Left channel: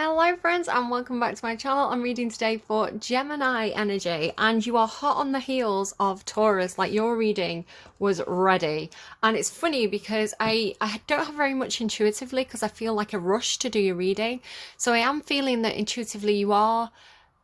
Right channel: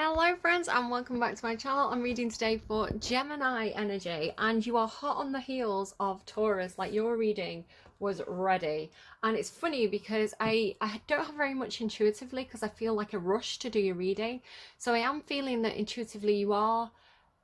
Hello friends and welcome back to my channel. I'm reading today for Gemini energy and you are hot on the heels of Taurus, like your reading was ready. And it's funny because I don't have very much intuitively because I feel like a rush to do your reading. So I am feeling that intuitively you are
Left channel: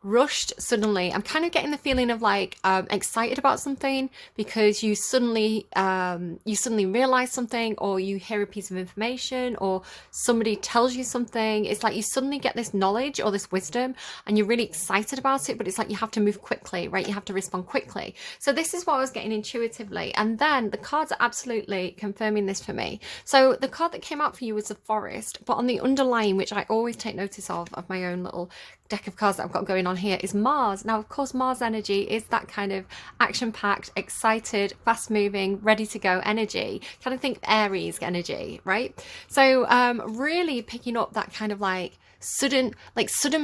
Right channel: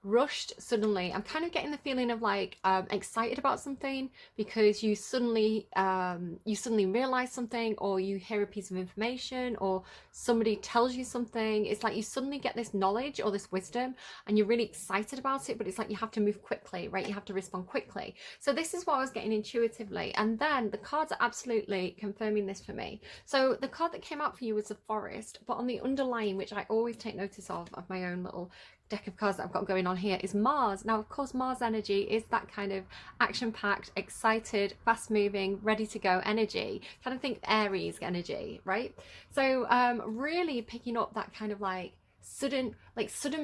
rushed suddenly. I'm kind of getting the feeling of like excited about something because you suddenly realize something, or you hear a piece of information, or somebody tells you something. It's like you suddenly get this knowledge or this wisdom and you're really excited about it, but it's like you have to move quickly, right? You have to respond quickly. So this is what I was getting intuitively, and then the cards are absolutely confirming this for me. So the card that came out for you was the forest, but on the underlying, which I always take notice of my own little deck of cards that I've got going on here, is Mars. Now, of course, Mars energy is that kind of action-packed, excited, fast-moving, ready-to-go energy. Kind of think Aries energy, right? So really picking up that kind of like sudden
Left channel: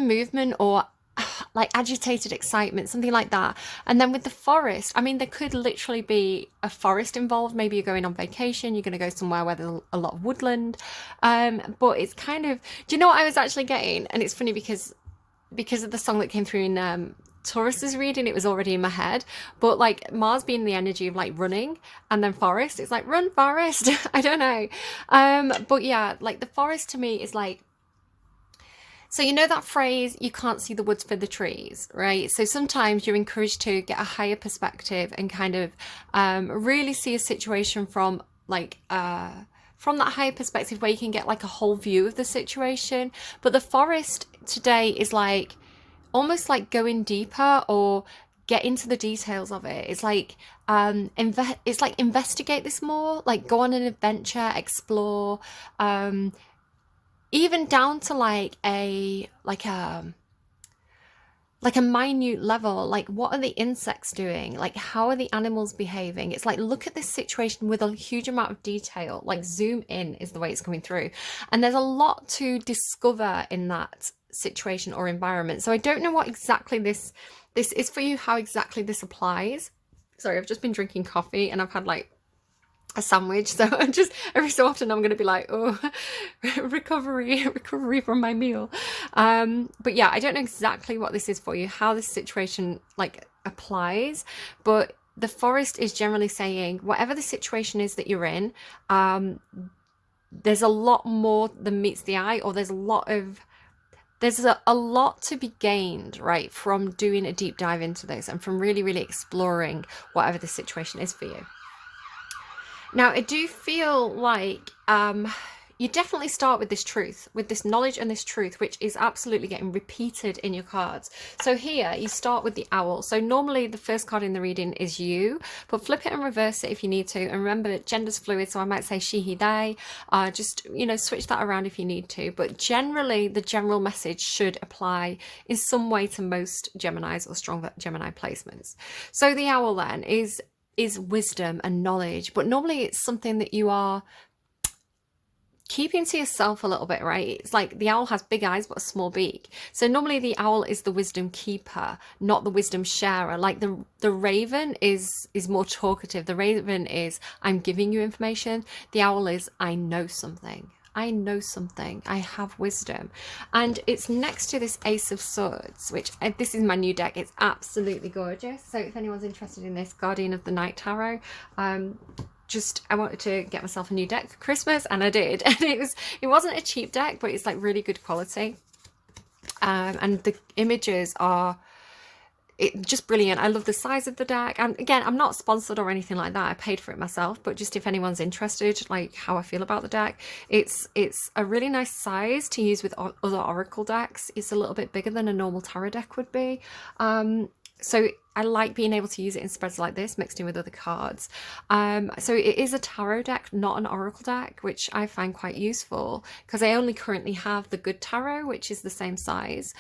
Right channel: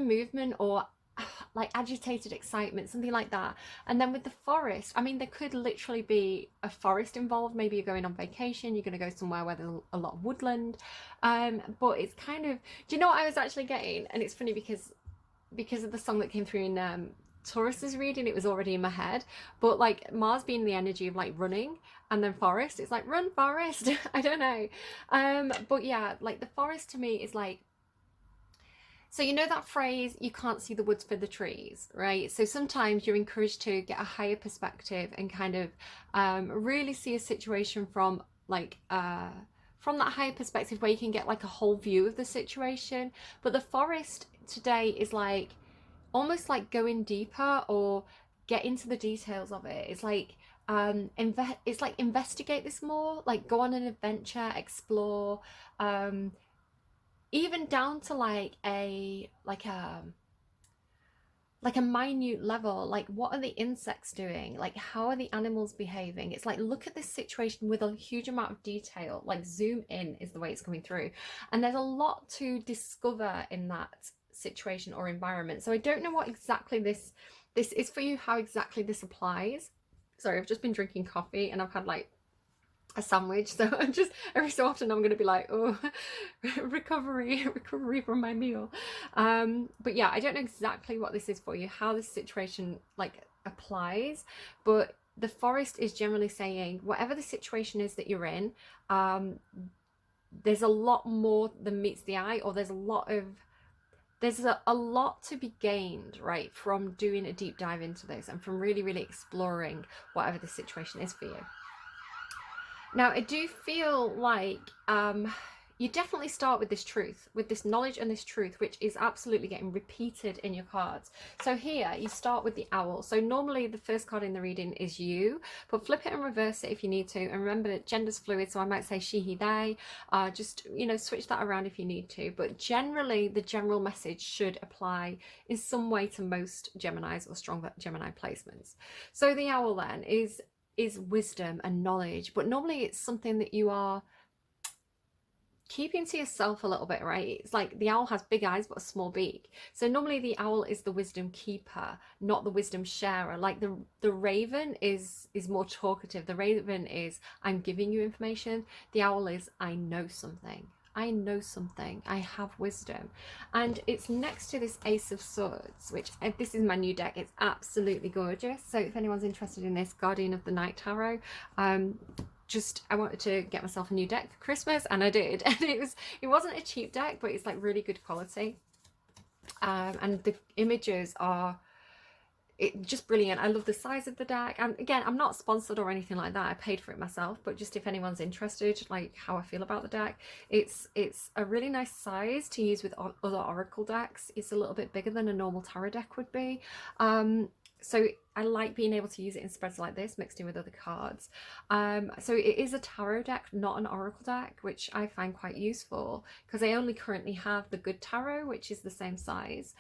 movement, or like agitated excitement, something like that. And then with the forest, I mean, there could literally be a forest involved. Maybe you're going on vacation, you're going to go somewhere where there's a lot of woodland. But it's kind of, do you know what I was actually getting? And it's funny because of the song that came through in Taurus's reading, it was already in my head. But like Mars being the energy of like running, and then forest, it's like run forest. I don't know. But yeah, like the forest to me is like, so you know that phrase, you can't see the woods for the trees, right? So sometimes you're encouraged to get a higher perspective and kind of really see a situation from like from that higher perspective where you can get like a whole view of the situation. But the forest today is like almost like going deeper, or get into the details of it. It's like it's like investigate this more, like go on an adventure, explore, even down to like a minute level, like what are the insects doing, like how are the animals behaving. It's like look at this situation with a huge amount of detail, like zoom in is the way it's coming through. And there's a lot to discover in that situation or environment. So I don't know what exactly this is for you, how exactly this applies. Sorry, I've just been drinking coffee and I've had like a sandwich, so I'm just every so often I'm going to be like, oh, recovery from my meal. But yeah, I don't know exactly what this is for you, how this situation like applies, but the forest is generally saying whatever the situation is that you're in, there's a lot more than meets the eye, or there's a lot to be gained, right, from doing a deep dive into this and from really exploring whatever the situation is for you. Now, I do feel like you definitely start with this truth, with this knowledge and this truth, which is absolutely getting repeated in your cards. So here you start with the owl. So normally the first card in the reading is you, but flip it and reverse it if you need to. And remember that gender's fluid, so I might say she, he, they. Just, you know, switch that around if you need to. But generally, the general message should apply in some way to most Geminis or strong Gemini placements. So the owl then is wisdom and knowledge, but normally it's something that you are keeping to yourself a little bit, right? It's like the owl has big eyes but a small beak. So normally the owl is the wisdom keeper, not the wisdom sharer. Like the raven is more talkative. The raven is, I'm giving you information. The owl is, I know something. I know something. I have wisdom. And it's next to this Ace of Swords, which this is my new deck. It's absolutely gorgeous. So if anyone's interested in this, Guardian of the Night Tarot, I wanted to get myself a new deck for Christmas, and I did. And it wasn't a cheap deck, but it's like really good quality. And the images are just brilliant. I love the size of the deck, and again, I'm not sponsored or anything like that. I paid for it myself, but just if anyone's interested, like how I feel about the deck, it's a really nice size to use with other oracle decks. It's a little bit bigger than a normal tarot deck would be. So I like being able to use it in spreads like this, mixed in with other cards. So it is a tarot deck, not an oracle deck, which I find quite useful because I only currently have the good tarot, which is the same size.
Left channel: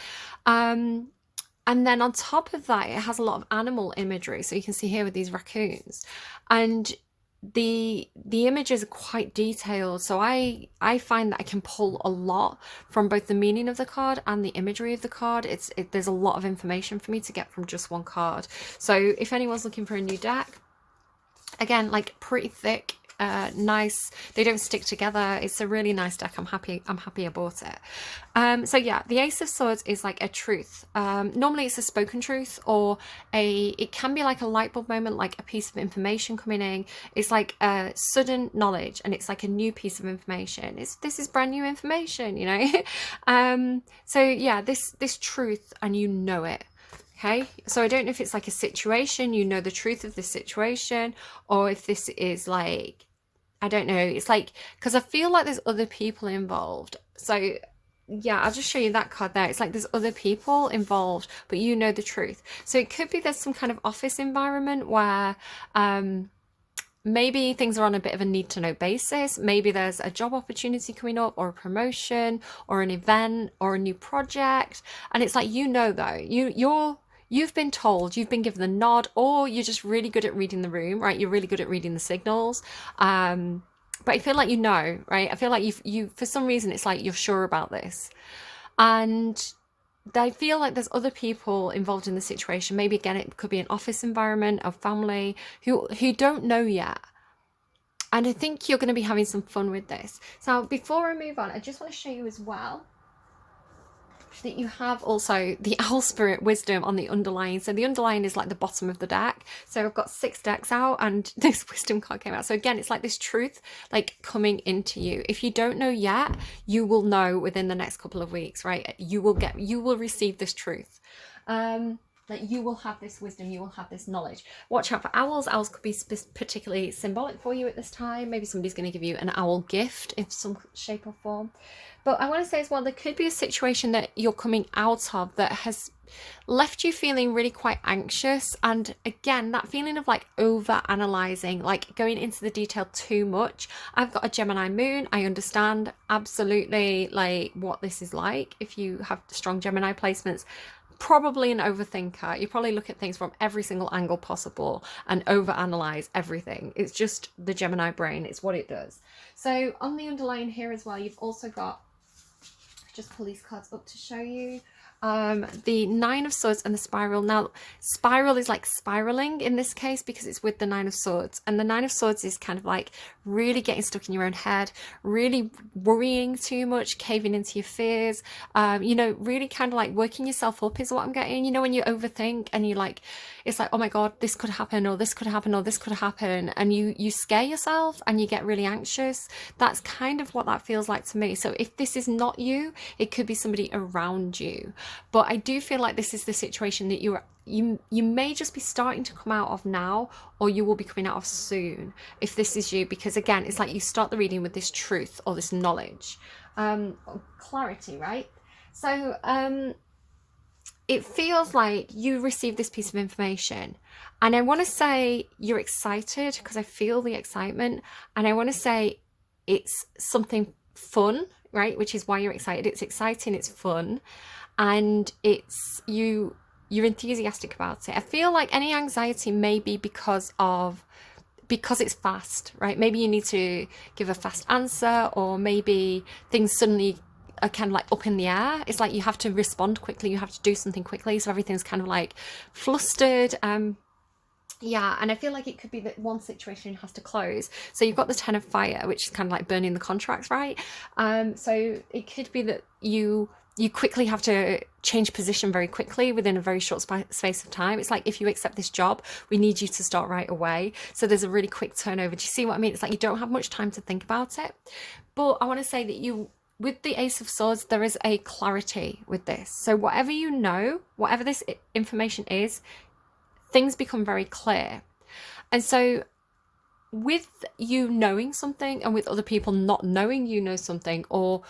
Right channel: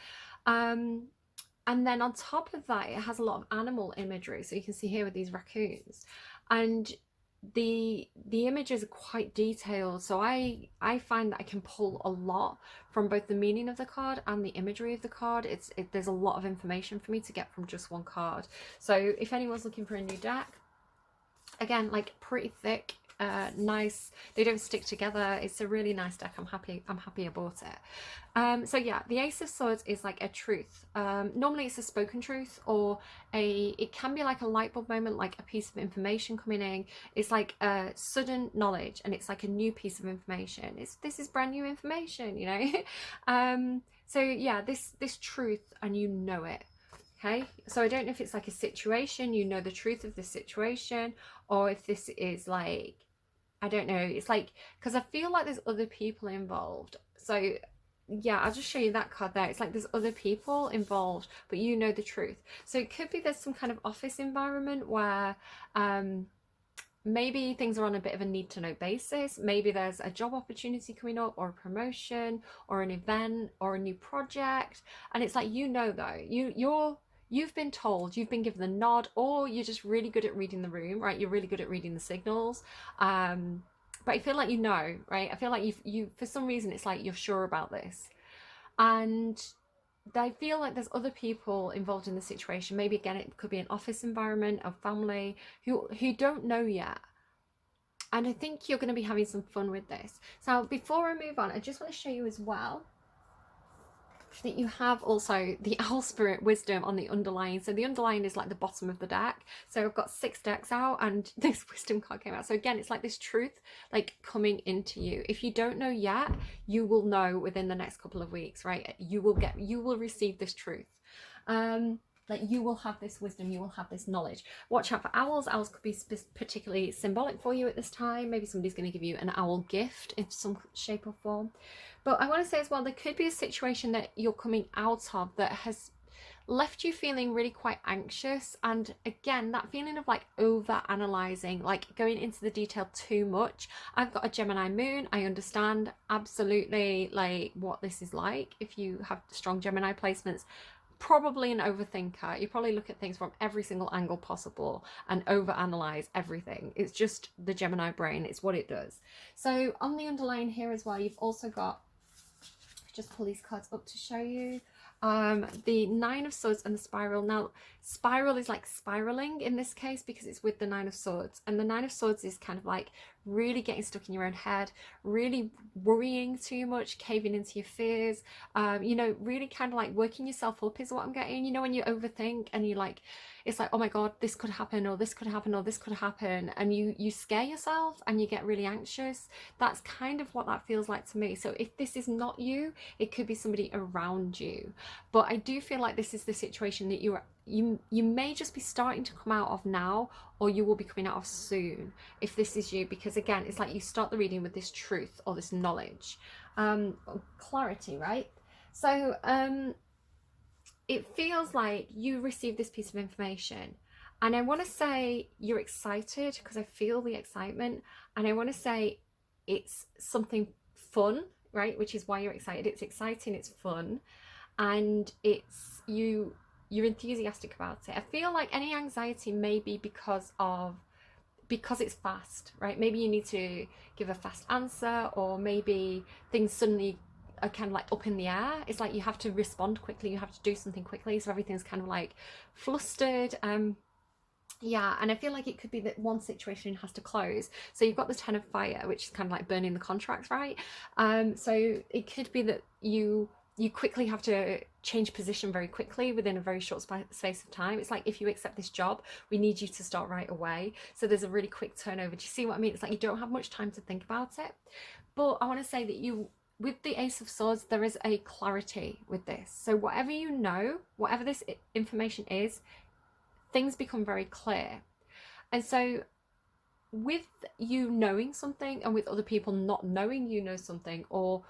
And then on top of that, it has a lot of animal imagery. So you can see here with these raccoons, and the images are quite detailed. So I find that I can pull a lot from both the meaning of the card and the imagery of the card. There's a lot of information for me to get from just one card. So if anyone's looking for a new deck, again, like pretty thick nice. They don't stick together. It's a really nice deck. I'm happy I bought it. So yeah, the Ace of Swords is like a truth. Normally it's a spoken truth, or it can be like a light bulb moment, like a piece of information coming in. It's like a sudden knowledge, and it's like a new piece of information. This is brand new information, you know. So yeah, this truth, and you know it. Okay, so I don't know if it's like a situation, you know the truth of this situation, or if this is like, I don't know, it's like, because I feel like there's other people involved. So yeah, I'll just show you that card there. It's like there's other people involved, but you know the truth. So it could be there's some kind of office environment where maybe things are on a bit of a need to know basis. Maybe there's a job opportunity coming up, or a promotion, or an event, or a new project. And it's like, you know, though, you've been told, you've been given the nod, or you're just really good at reading the room, right? You're really good at reading the signals. But I feel like, you know, right? I feel like you for some reason, it's like you're sure about this. And I feel like there's other people involved in the situation. Maybe again, it could be an office environment, a family who don't know yet. And I think you're going to be having some fun with this. So before I move on, I just want to show you as well that you have also the owl spirit wisdom on the underlying. So the underlying is like the bottom of the deck. So I've got 6 decks out, and this wisdom card came out. So again, it's like this truth like coming into you. If you don't know yet, you will know within the next couple of weeks, right? You will receive this truth. Like you will have this wisdom, you will have this knowledge. Watch out for owls. Owls could be particularly symbolic for you at this time. Maybe somebody's going to give you an owl gift in some shape or form. But I want to say as well, there could be a situation that you're coming out of that has left you feeling really quite anxious. And again, that feeling of like over analyzing, like going into the detail too much. I've got a Gemini moon. I understand absolutely like what this is like. If you have strong Gemini placements, probably an overthinker. You probably look at things from every single angle possible and overanalyze everything. It's just the Gemini brain. It's what it does. So on the underlying here as well, you've also got, just pull these cards up to show you, the 9 of Swords and the Spiral. Now, Spiral is like spiraling in this case because it's with the 9 of Swords. And the 9 of Swords is kind of like really getting stuck in your own head, really worrying too much, caving into your fears, you know, really kind of like working yourself up is what I'm getting. You know, when you overthink and you like, it's like, oh my God, this could happen, or this could happen, or this could happen. And you scare yourself and you get really anxious. That's kind of what that feels like to me. So if this is not you, it could be somebody around you. But I do feel like this is the situation that you may just be starting to come out of now, or you will be coming out of soon if this is you, because again, it's like you start the reading with this truth or this knowledge, clarity, right? So it feels like you received this piece of information, and I want to say you're excited because I feel the excitement, and I want to say it's something fun, right? Which is why you're excited. It's exciting, it's fun, and it's you're enthusiastic about it. I feel like any anxiety may be because it's fast, right? Maybe you need to give a fast answer, or maybe things suddenly are kind of like up in the air. It's like you have to respond quickly, you have to do something quickly, so everything's kind of like flustered. Yeah, and I feel like it could be that one situation has to close. So you've got the 10 of Fire, which is kind of like burning the contracts, right? So it could be that you quickly have to change position very quickly within a very short space of time. It's like, if you accept this job, we need you to start right away. So there's a really quick turnover. Do you see what I mean? It's like you don't have much time to think about it. But I want to say that with the Ace of Swords, there is a clarity with this. So whatever you know, whatever this information is, things become very clear. And so with you knowing something, and with other people not knowing you know something, or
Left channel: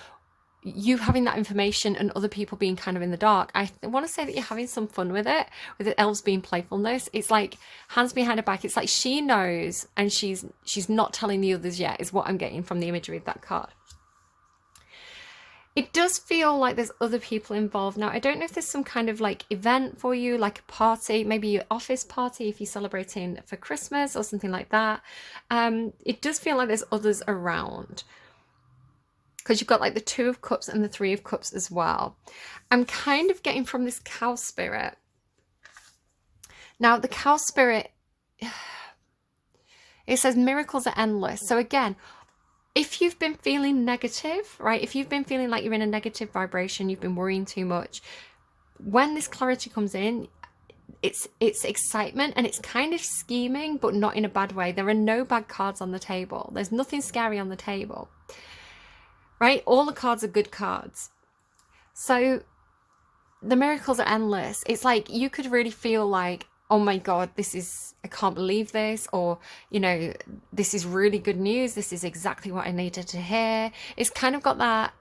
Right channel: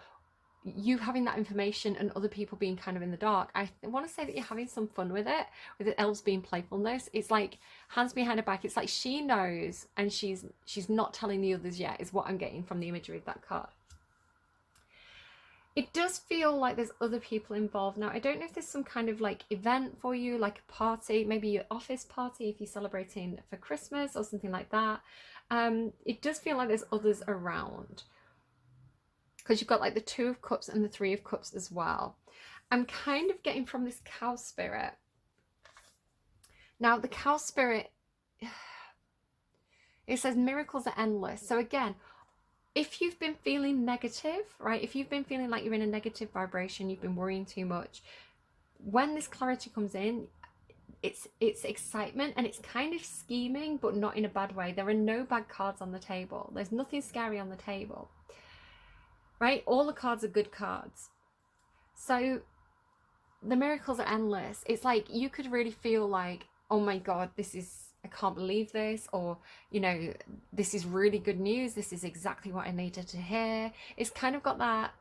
you having that information and other people being kind of in the dark, I want to say that you're having some fun with it, with the elves being playfulness. It's like hands behind her back. It's like she knows and she's not telling the others yet, is what I'm getting from the imagery of that card. It does feel like there's other people involved. Now, I don't know if there's some kind of like event for you, like a party, maybe your office party if you're celebrating for Christmas or something like that. It does feel like there's others around, because you've got like the 2 of Cups and the 3 of Cups as well. I'm kind of getting from this cow spirit. Now, the cow spirit, It says miracles are endless. So again, if you've been feeling negative, right? If you've been feeling like you're in a negative vibration, you've been worrying too much, when this clarity comes in, it's excitement, and it's kind of scheming, but not in a bad way. There are no bad cards on the table. There's nothing scary on the table, right? All the cards are good cards. So the miracles are endless. It's like you could really feel like, oh my God, I can't believe this, or, this is really good news. This is exactly what I needed to hear. It's kind of got that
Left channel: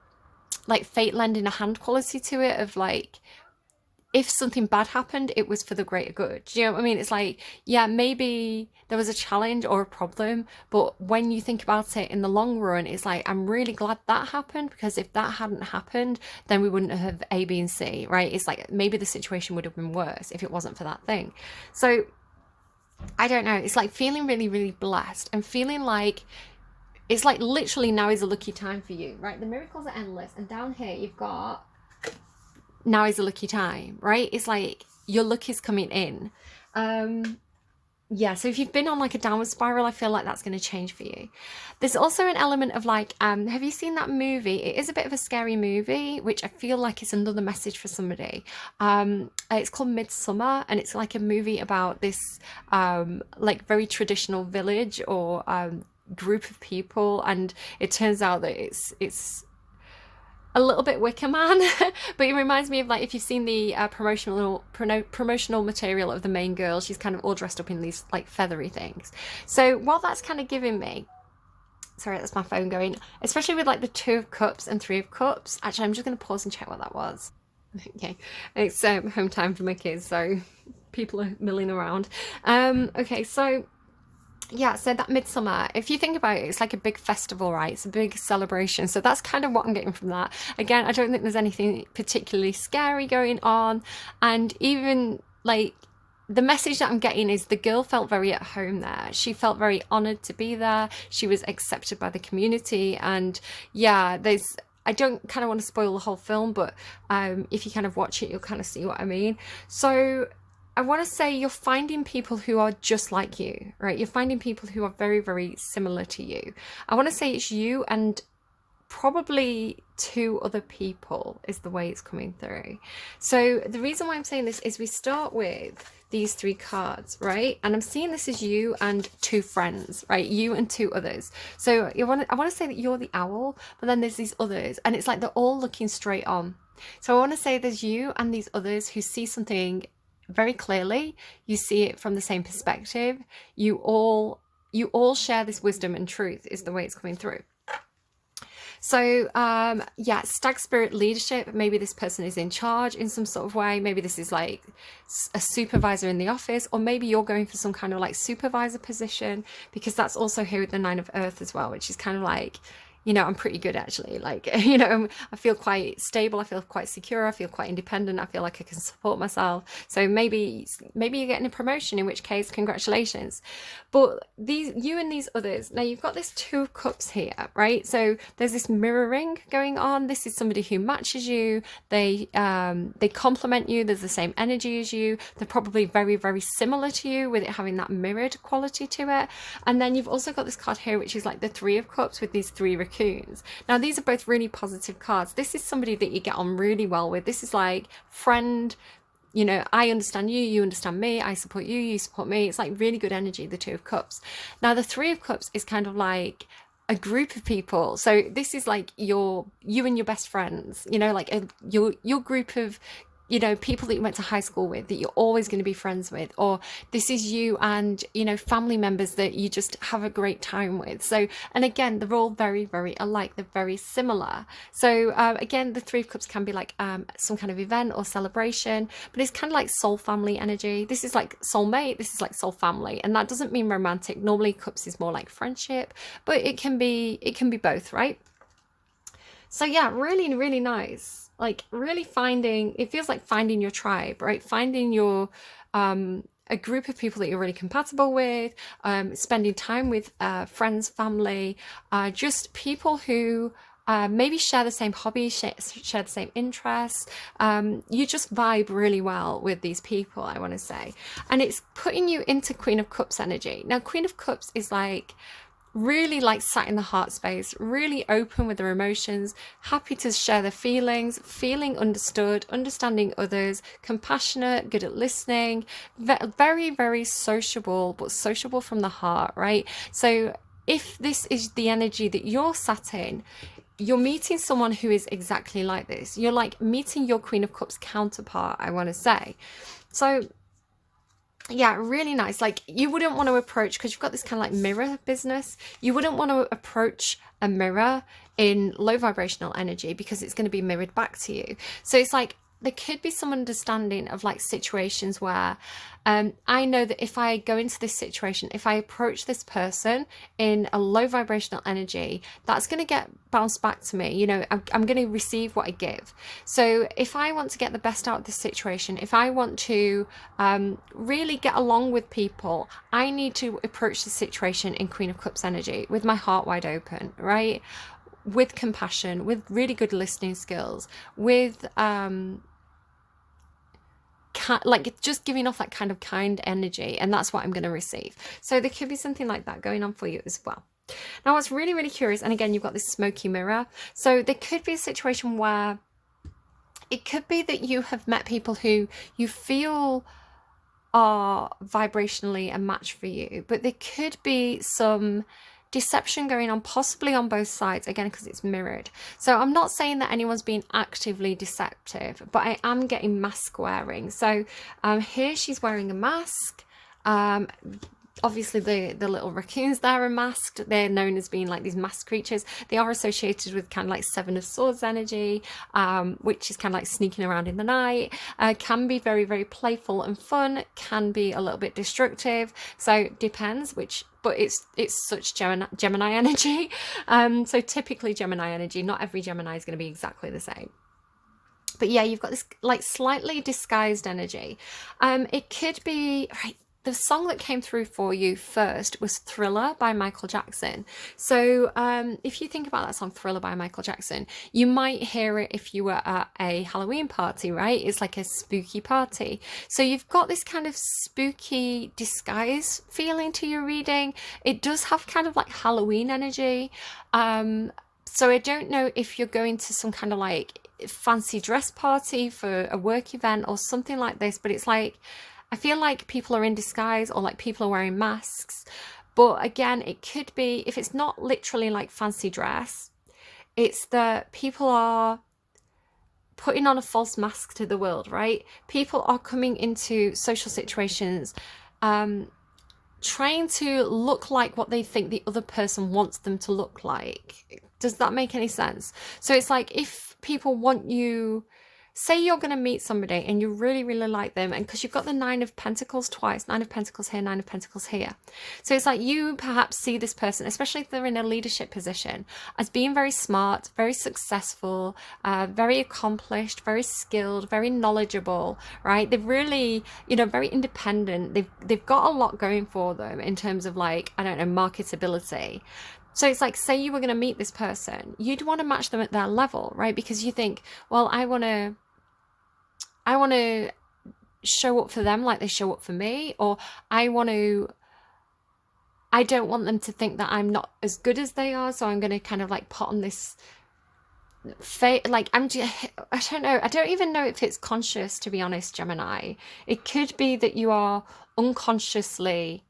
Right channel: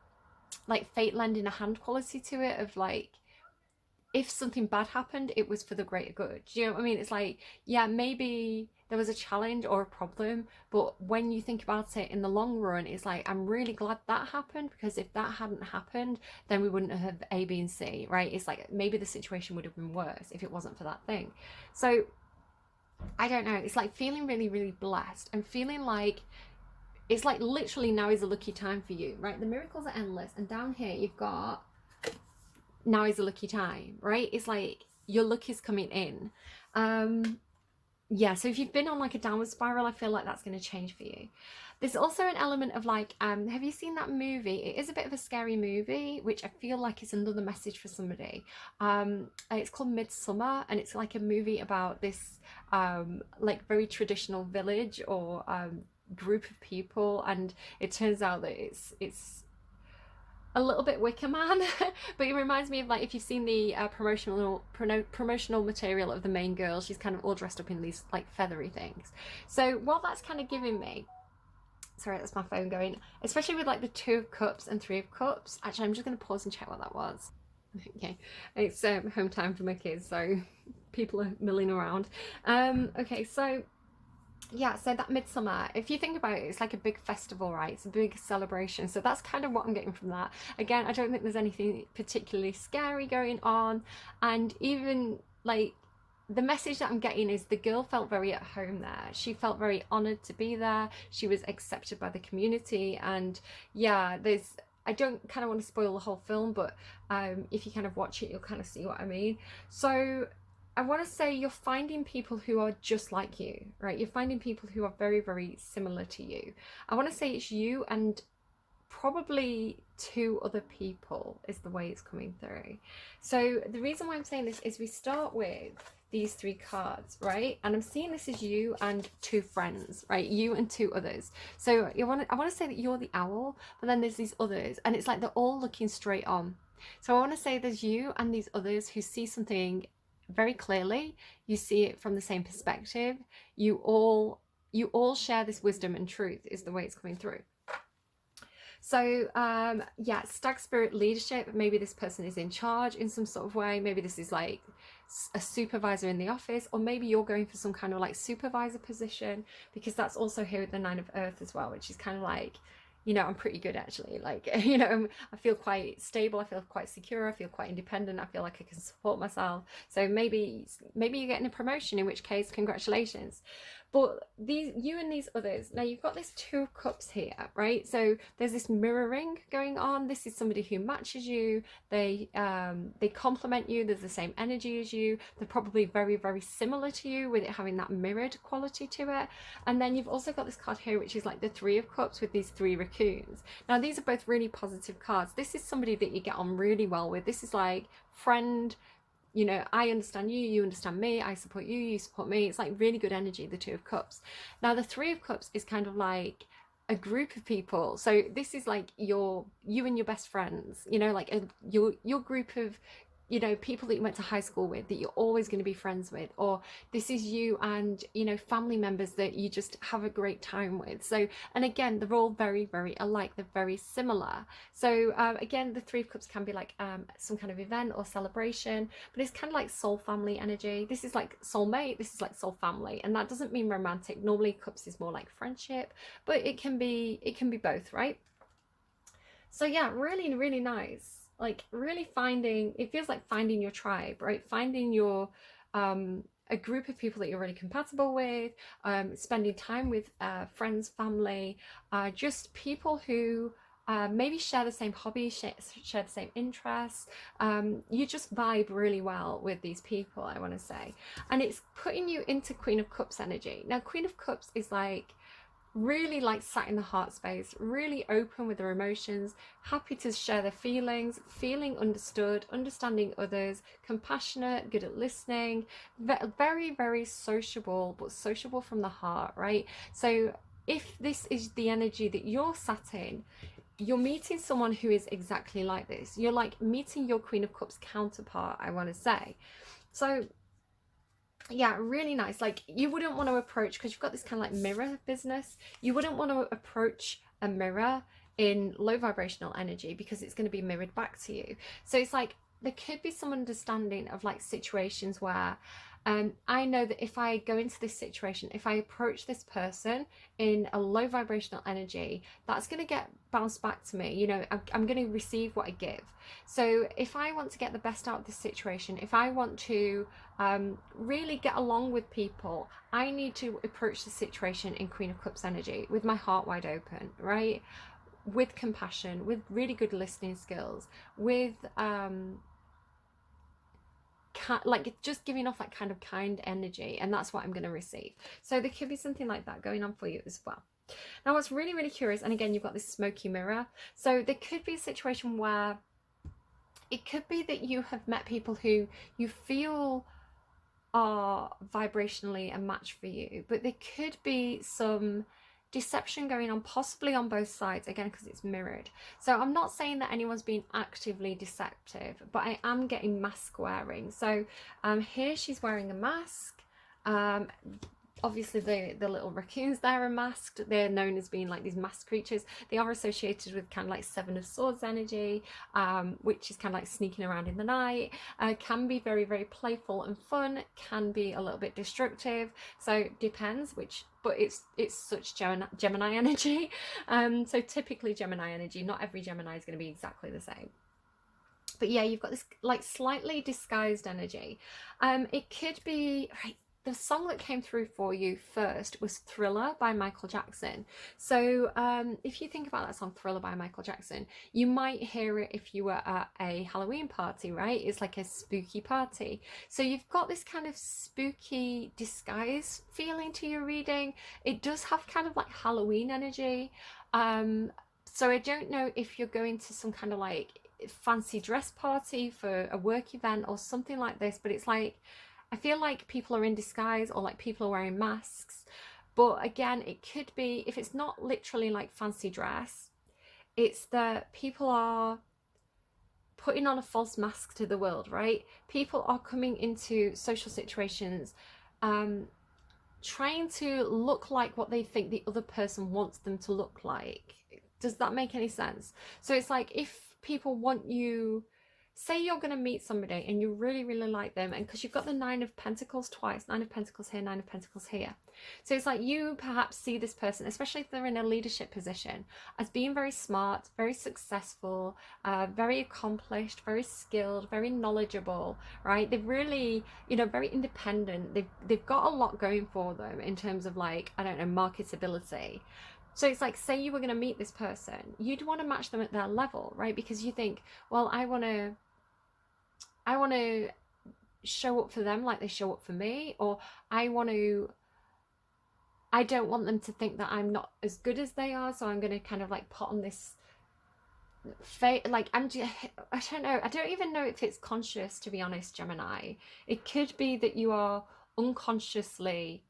like fate lending a hand quality to it, of like, if something bad happened, it was for the greater good. Do you know what I mean? It's like, yeah, maybe there was a challenge or a problem, but when you think about it in the long run, it's like, I'm really glad that happened, because if that hadn't happened, then we wouldn't have A, B, and C, right? It's like maybe the situation would have been worse if it wasn't for that thing. So I don't know. It's like feeling really, really blessed, and feeling like it's like literally now is a lucky time for you, right? The miracles are endless. And down here, you've got now is a lucky time, right? It's like your luck is coming in. Yeah, so if you've been on like a downward spiral, I feel like that's going to change for you. There's also an element of like, have you seen that movie? It is a bit of a scary movie, which I feel like is another message for somebody. It's called Midsummer, and it's like a movie about this like very traditional village or group of people, and it turns out that it's a little bit Wicker Man, but it reminds me of like if you've seen the promotional material of the main girl. She's kind of all dressed up in these like feathery things. So what that's kind of giving me, sorry, that's my phone going, especially with like the 2 of Cups and 3 of Cups. Actually, I'm just going to pause and check what that was. Okay, it's home time for my kids, so people are milling around. Okay, so yeah, so that Midsummer, if you think about it, it's like a big festival, right? It's a big celebration. So that's kind of what I'm getting from that. Again, I don't think there's anything particularly scary going on. And even like the message that I'm getting is the girl felt very at home there. She felt very honored to be there. She was accepted by the community. And yeah, I don't kind of want to spoil the whole film, but if you kind of watch it, you'll kind of see what I mean. So I want to say you're finding people who are just like you, right? You're finding people who are very, very similar to you. I want to say it's you and probably 2 other people is the way it's coming through. So the reason why I'm saying this is we start with these 3 cards, right? And I'm seeing this as you and 2 friends, right? You and 2 others. So I want to say that you're the owl, but then there's these others, and it's like they're all looking straight on. So I want to say there's you and these others who see something very clearly. You see it from the same perspective. You all share this wisdom and truth is the way it's coming through. So yeah, stag spirit leadership. Maybe this person is in charge in some sort of way. Maybe this is like a supervisor in the office, or maybe you're going for some kind of like supervisor position, because that's also here with the 9 of Earth as well, which is kind of like, I'm pretty good actually. Like, I feel quite stable. I feel quite secure. I feel quite independent. I feel like I can support myself. So maybe you're getting a promotion, in which case, congratulations. But you and these others, now you've got this 2 of Cups here, right? So there's this mirroring going on. This is somebody who matches you. They complement you. There's the same energy as you. They're probably very, very similar to you, with it having that mirrored quality to it. And then you've also got this card here, which is like the 3 of Cups with these 3 raccoons. Now these are both really positive cards. This is somebody that you get on really well with. This is like friend, I understand you, you understand me, I support you, you support me. It's like really good energy, the 2 of Cups. Now the 3 of Cups is kind of like a group of people. So this is like you and your best friends, like your group of people that you went to high school with, that you're always going to be friends with, or this is you and family members that you just have a great time with. So, and again, they're all very, very alike. They're very similar. So again, the 3 of Cups can be like some kind of event or celebration, but it's kind of like soul family energy. This is like soulmate, this is like soul family, and that doesn't mean romantic. Normally Cups is more like friendship, but it can be both, right? So yeah, really, really nice. Like really it feels like finding your tribe, right? Finding your a group of people that you're really compatible with, spending time with friends, family, just people who maybe share the same hobbies, share the same interests. You just vibe really well with these people, I want to say. And it's putting you into Queen of Cups energy. Now, Queen of Cups is like really like sat in the heart space, really open with their emotions, happy to share their feelings, feeling understood, understanding others, compassionate, good at listening, very, very sociable, but sociable from the heart, right? So if this is the energy that you're sat in, you're meeting someone who is exactly like this. You're like meeting your Queen of Cups counterpart, I want to say. So yeah, really nice. Like, you wouldn't want to approach, because you've got this kind of like mirror business, you wouldn't want to approach a mirror in low vibrational energy, because it's going to be mirrored back to you. So it's like there could be some understanding of like situations where I know that if I go into this situation, if I approach this person in a low vibrational energy, that's going to get bounced back to me. You know, I'm going to receive what I give. So if I want to get the best out of this situation, if I want to really get along with people, I need to approach the situation in Queen of Cups energy with my heart wide open, right? With compassion, with really good listening skills, with like just giving off that kind of kind energy, and that's what I'm going to receive. So there could be something like that going on for you as well. Now, what's really, really curious, and again, you've got this smoky mirror, so there could be a situation where it could be that you have met people who you feel are vibrationally a match for you, but there could be some deception going on, possibly on both sides, again, because it's mirrored. So I'm not saying that anyone's being actively deceptive, but I am getting mask wearing. So here she's wearing a mask. Obviously the little raccoons there are masked. They're known as being like these masked creatures. They are associated with kind of like Seven of Swords energy, which is kind of like sneaking around in the night. Can be very, very playful and fun, can be a little bit destructive. So depends which, but it's such Gemini energy. So typically Gemini energy, not every Gemini is going to be exactly the same. But yeah, you've got this like slightly disguised energy. It could be, right, the song that came through for you first was Thriller by Michael Jackson. So if you think about that song Thriller by Michael Jackson, you might hear it if you were at a Halloween party, right? It's like a spooky party. So you've got this kind of spooky disguise feeling to your reading. It does have kind of like Halloween energy. So I don't know if you're going to some kind of like fancy dress party for a work event or something like this, but it's like, I feel like people are in disguise, or like people are wearing masks. But again, it could be, if it's not literally like fancy dress, it's that people are putting on a false mask to the world, right? People are coming into social situations trying to look like what they think the other person wants them to look like. Does that make any sense? So it's like, if people want you, say you're going to meet somebody and you really, really like them, and because you've got the Nine of Pentacles twice, Nine of Pentacles here, Nine of Pentacles here. So it's like you perhaps see this person, especially if they're in a leadership position, as being very smart, very successful, very accomplished, very skilled, very knowledgeable, right? They've really, you know, very independent. They've got a lot going for them in terms of like, I don't know, marketability. So it's like, say you were going to meet this person, you'd want to match them at their level, right? Because you think, well, I want to show up for them like they show up for me, or I don't want them to think that I'm not as good as they are, so I'm going to kind of like put on this like I don't know, I don't even know if it's conscious, to be honest, Gemini. It could be that you are unconsciously,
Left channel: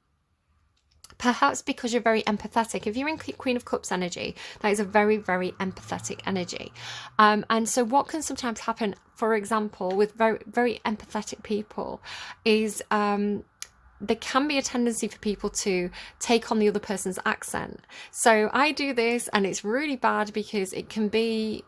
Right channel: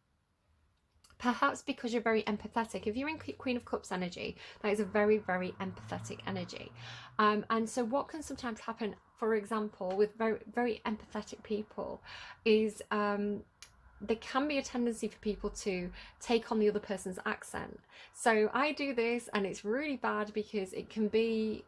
perhaps because you're very empathetic. If you're in Queen of Cups energy, that is a very, very empathetic energy. And so what can sometimes happen, for example, with very, very empathetic people is there can be a tendency for people to take on the other person's accent. So I do this, and it's really bad because it can be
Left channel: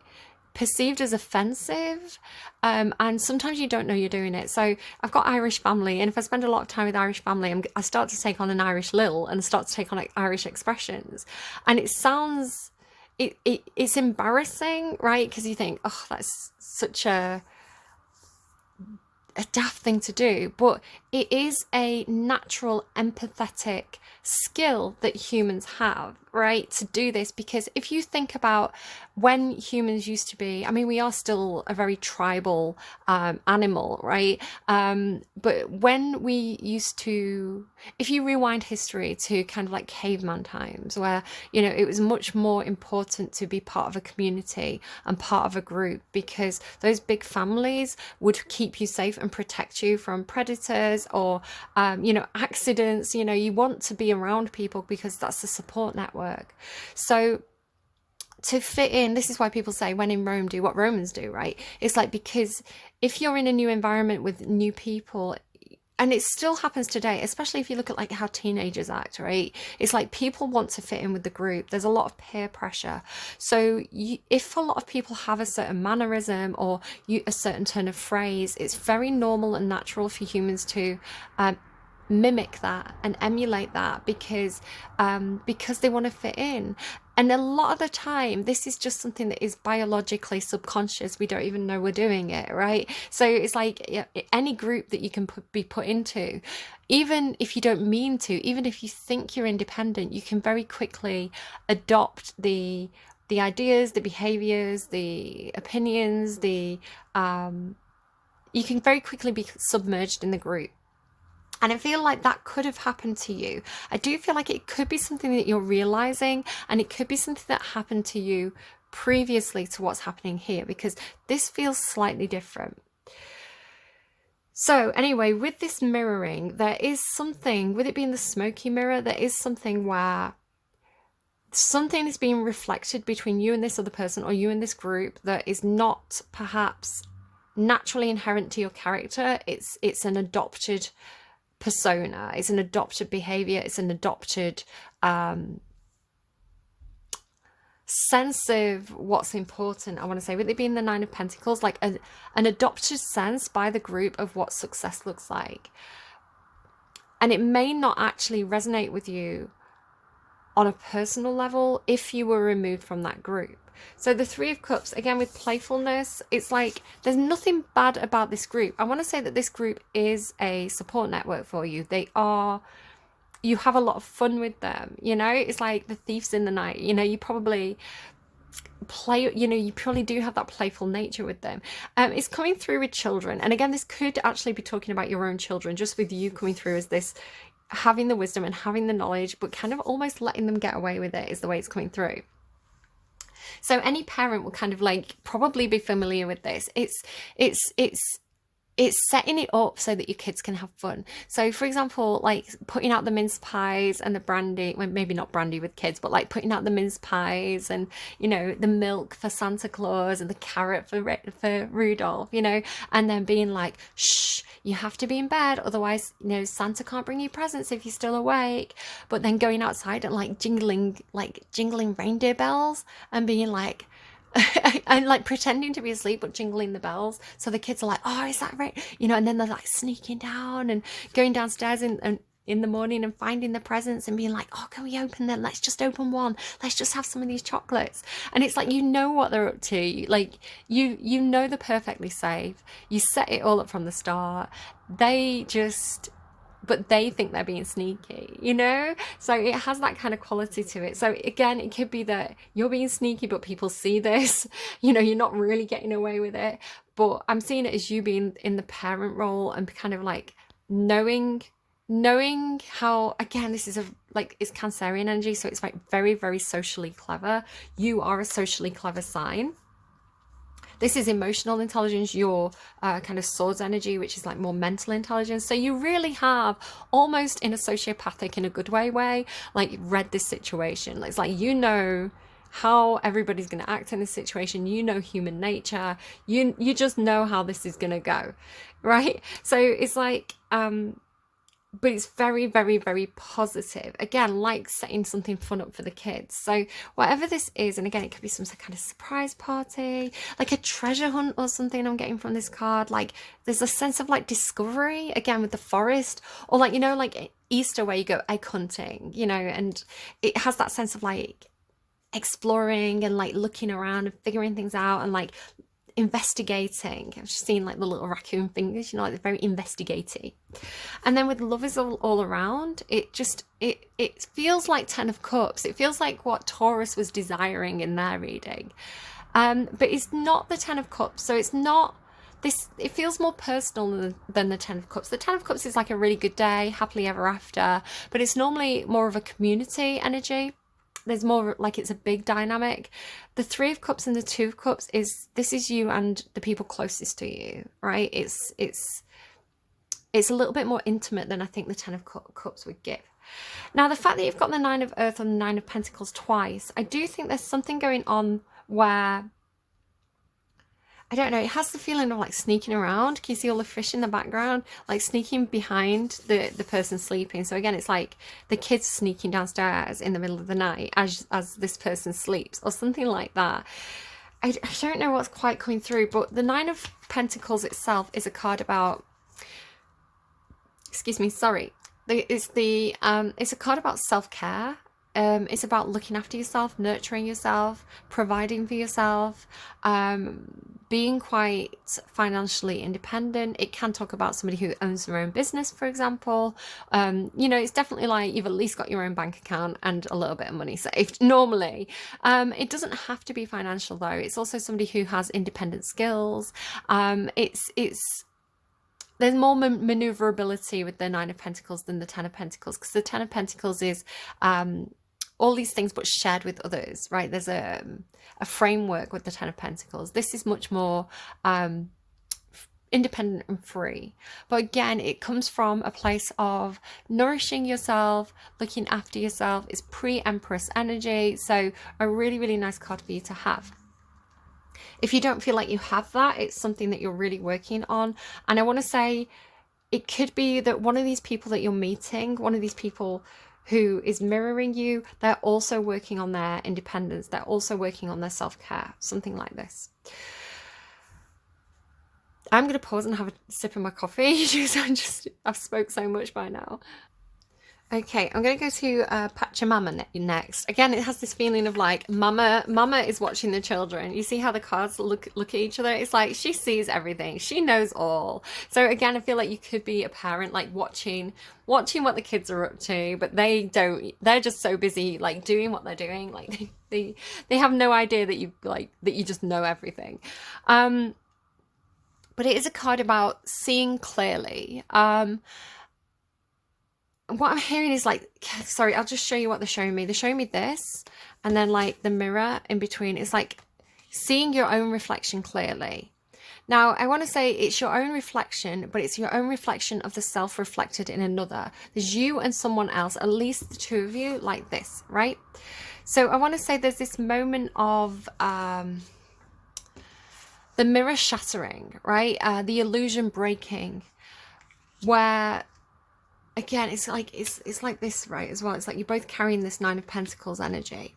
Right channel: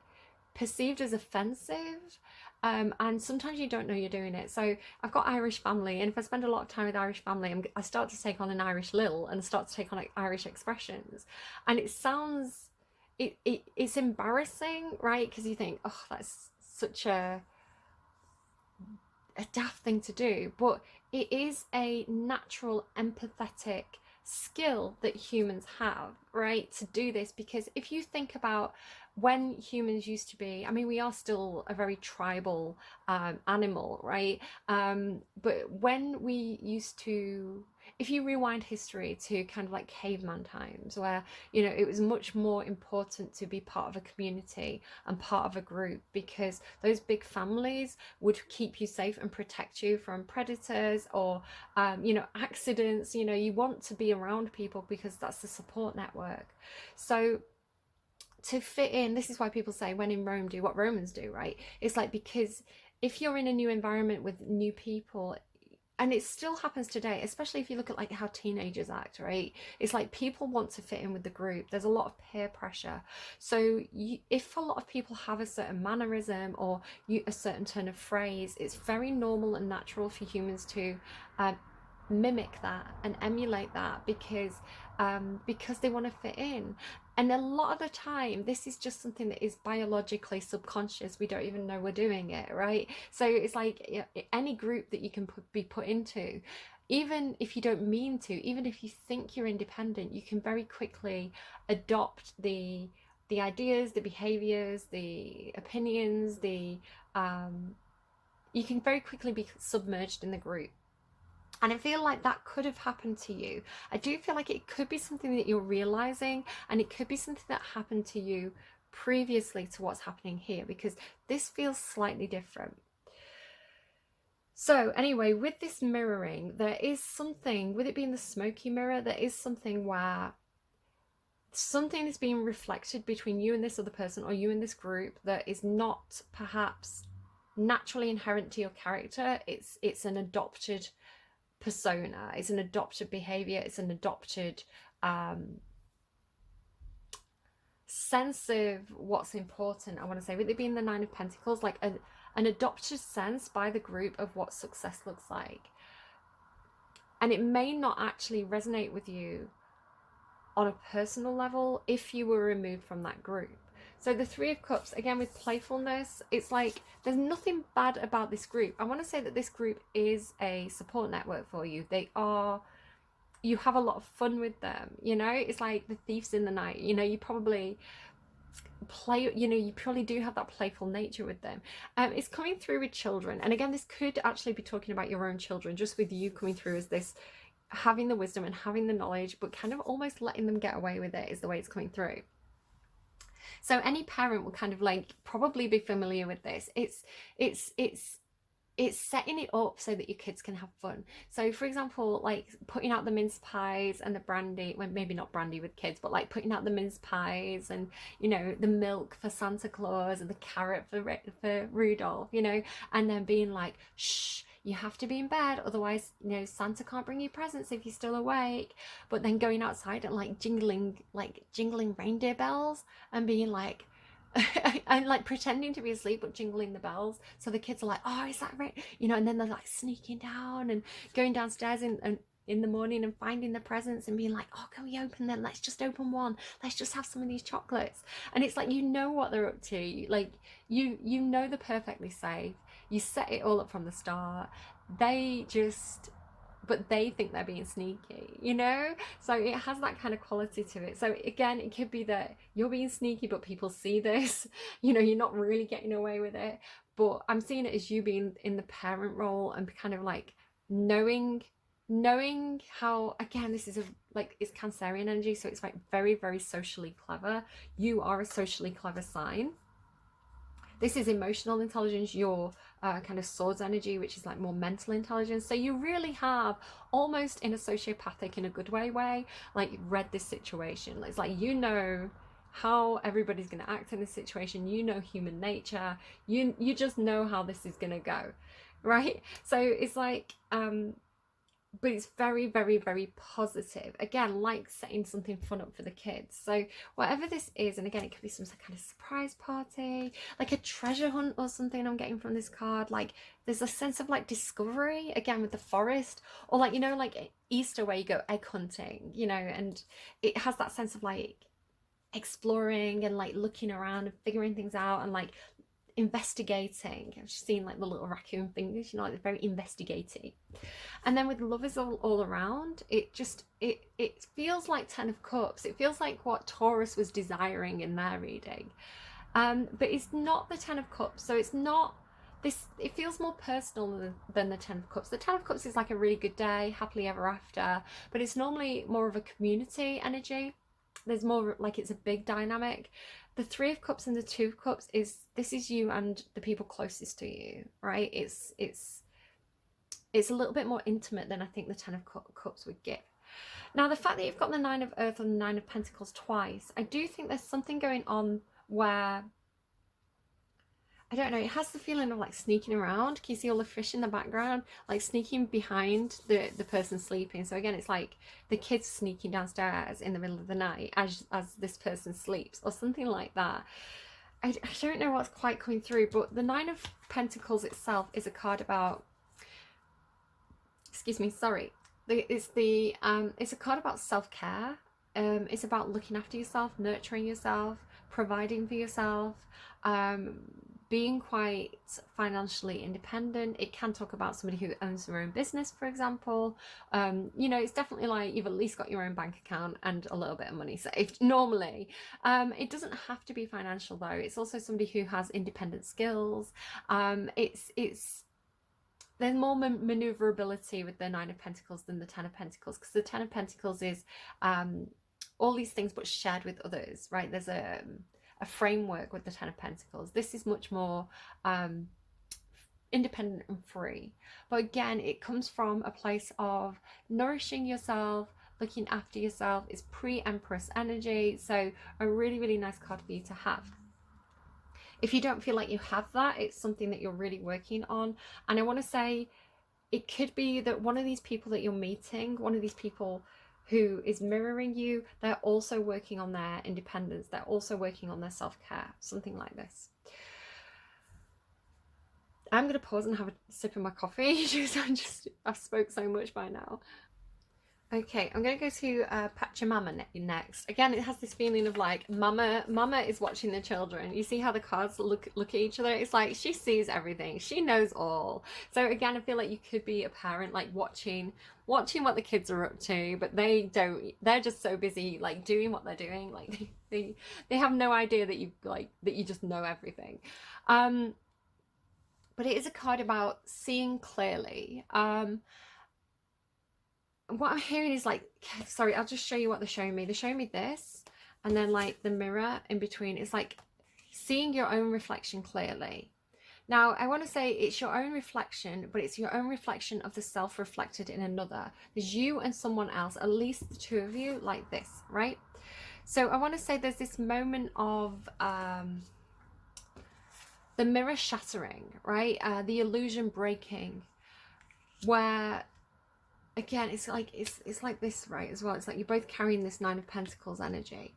perceived as offensive, and sometimes you don't know you're doing it. So I've got Irish family, and if I spend a lot of time with Irish family, I start to take on an Irish lilt and start to take on like Irish expressions, and it sounds, it's embarrassing, right? Because you think, oh, that's such a daft thing to do, but it is a natural empathetic skill that humans have. right, to do this. Because if you think about when humans used to be, I mean, we are still a very tribal animal, right? But when we used to, if you rewind history to kind of like caveman times, where, you know, it was much more important to be part of a community and part of a group, because those big families would keep you safe and protect you from predators or, you know, accidents. You know, you want to be around people because that's the support network. So to fit in, this is why people say when in Rome, do what Romans do, right? It's like, because if you're in a new environment with new people, and it still happens today, especially if you look at like how teenagers act, right? It's like people want to fit in with the group. There's a lot of peer pressure. So if a lot of people have a certain mannerism or a certain turn of phrase, it's very normal and natural for humans to mimic that and emulate that, because they want to fit in. And a lot of the time this is just something that is biologically subconscious. We don't even know we're doing it, right? So it's like, yeah, any group that you can be put into, even if you don't mean to, even if you think you're independent, you can very quickly adopt the ideas, the behaviors, the opinions, the you can very quickly be submerged in the group. And I feel like that could have happened to you. I do feel like it could be something that you're realizing, and it could be something that happened to you previously to what's happening here, because this feels slightly different. So anyway, with this mirroring, there is something, with it being the smoky mirror, there is something where something is being reflected between you and this other person, or you and this group, that is not perhaps naturally inherent to your character. It's an adopted persona, it's an adopted behavior, it's an adopted sense of what's important. I want to say, with it being the Nine of Pentacles, like an adopted sense by the group of what success looks like. And it may not actually resonate with you on a personal level if you were removed from that group. So the Three of Cups, again, with playfulness, it's like there's nothing bad about this group. I want to say that this group is a support network for you. You have a lot of fun with them, you know? It's like the thieves in the night, you know, you probably play, you know, you probably do have that playful nature with them. It's coming through with children. And again, this could actually be talking about your own children, just with you coming through as this, having the wisdom and having the knowledge, but kind of almost letting them get away with it is the way it's coming through. So any parent will kind of like probably be familiar with this. It's setting it up so that your kids can have fun. So for example, like putting out the mince pies and the brandy, well, maybe not brandy with kids, but like putting out the mince pies and, you know, the milk for Santa Claus and the carrot for Rudolph, you know, and then being like, shh, you have to be in bed, otherwise, you know, Santa can't bring you presents if you're still awake. But then going outside and like jingling reindeer bells and being like, and like pretending to be asleep but jingling the bells, so the kids are like, oh, is that right, you know? And then they're like sneaking down and going downstairs in the morning and finding the presents and being like, oh, can we open them? Let's just open one, let's just have some of these chocolates. And it's like, you know what they're up to, like you know they're perfectly safe, you set it all up from the start. But they think they're being sneaky, you know? So it has that kind of quality to it. So again, it could be that you're being sneaky, but people see this, you know, you're not really getting away with it. But I'm seeing it as you being in the parent role and kind of like knowing how, again, this is it's Cancerian energy. So it's like very, very socially clever. You are a socially clever sign. This is emotional intelligence, your kind of swords energy, which is like more mental intelligence. So you really have, almost in a sociopathic, in a good way, like read this situation. It's like, you know how everybody's going to act in this situation. You know human nature. You just know how this is going to go, right? So it's like, but it's very, very, very positive. Again, like setting something fun up for the kids. So whatever this is, and again, it could be some kind of surprise party, like a treasure hunt or something I'm getting from this card. Like there's a sense of like discovery, again, with the forest, or like, you know, like Easter where you go egg hunting, you know, and it has that sense of like exploring and like looking around and figuring things out and like investigating. I've just seen like the little raccoon fingers, you know, like they're very investigating. And then with love is all around, it feels like 10 of cups. It feels like what Taurus was desiring in their reading. But it's not the 10 of cups. So it's not this, it feels more personal than the 10 of cups. The 10 of cups is like a really good day, happily ever after, but it's normally more of a community energy. There's more like it's a big dynamic. The 3 of cups and the 2 of cups is, this is you and the people closest to you, right? It's a little bit more intimate than I think the 10 of cups would give. Now, the fact that you've got the 9 of earth and the 9 of pentacles twice, I do think there's something going on where, I don't know, it has the feeling of like sneaking around. Can you see all the fish in the background? Like sneaking behind the person sleeping. So again, it's like the kids sneaking downstairs in the middle of the night as this person sleeps or something like that. I don't know what's quite coming through, but the 9 of pentacles itself is a card about, excuse me, sorry. It's a card about self-care. It's about looking after yourself, nurturing yourself, providing for yourself, being quite financially independent. It can talk about somebody who owns their own business, for example. You know, it's definitely like you've at least got your own bank account and a little bit of money saved normally. It doesn't have to be financial though. It's also somebody who has independent skills. There's more maneuverability with the 9 of pentacles than the 10 of pentacles, because the 10 of pentacles is all these things but shared with others, right? There's a framework with the 10 of pentacles. This is much more independent and free, but again, it comes from a place of nourishing yourself, looking after yourself. It's pre-empress energy, so a really, really nice card for you to have. If you don't feel like you have that, it's something that you're really working on. And I want to say it could be that one of these people that you're meeting, one of these people who is mirroring you, they're also working on their independence. They're also working on their self-care, something like this. I'm going to pause and have a sip of my coffee because I've spoke so much by now. Okay, I'm going to go to Pachamama next. Again, it has this feeling of like mama is watching the children. You see how the cards look at each other? It's like she sees everything. She knows all. So again, I feel like you could be a parent like watching what the kids are up to, but they don't. They're just so busy like doing what they're doing. Like they have no idea that you just know everything. But it is a card about seeing clearly. What I'm hearing is like, sorry, I'll just show you what they're showing me. They're showing me this, and then like the mirror in between. It's like seeing your own reflection clearly. Now, I want to say it's your own reflection, but it's your own reflection of the self reflected in another. There's you and someone else, at least the 2 of you, like this, right? So I want to say there's this moment of the mirror shattering, right? The illusion breaking, where again, it's like this, right, as well. It's like you're both carrying this 9 of Pentacles energy.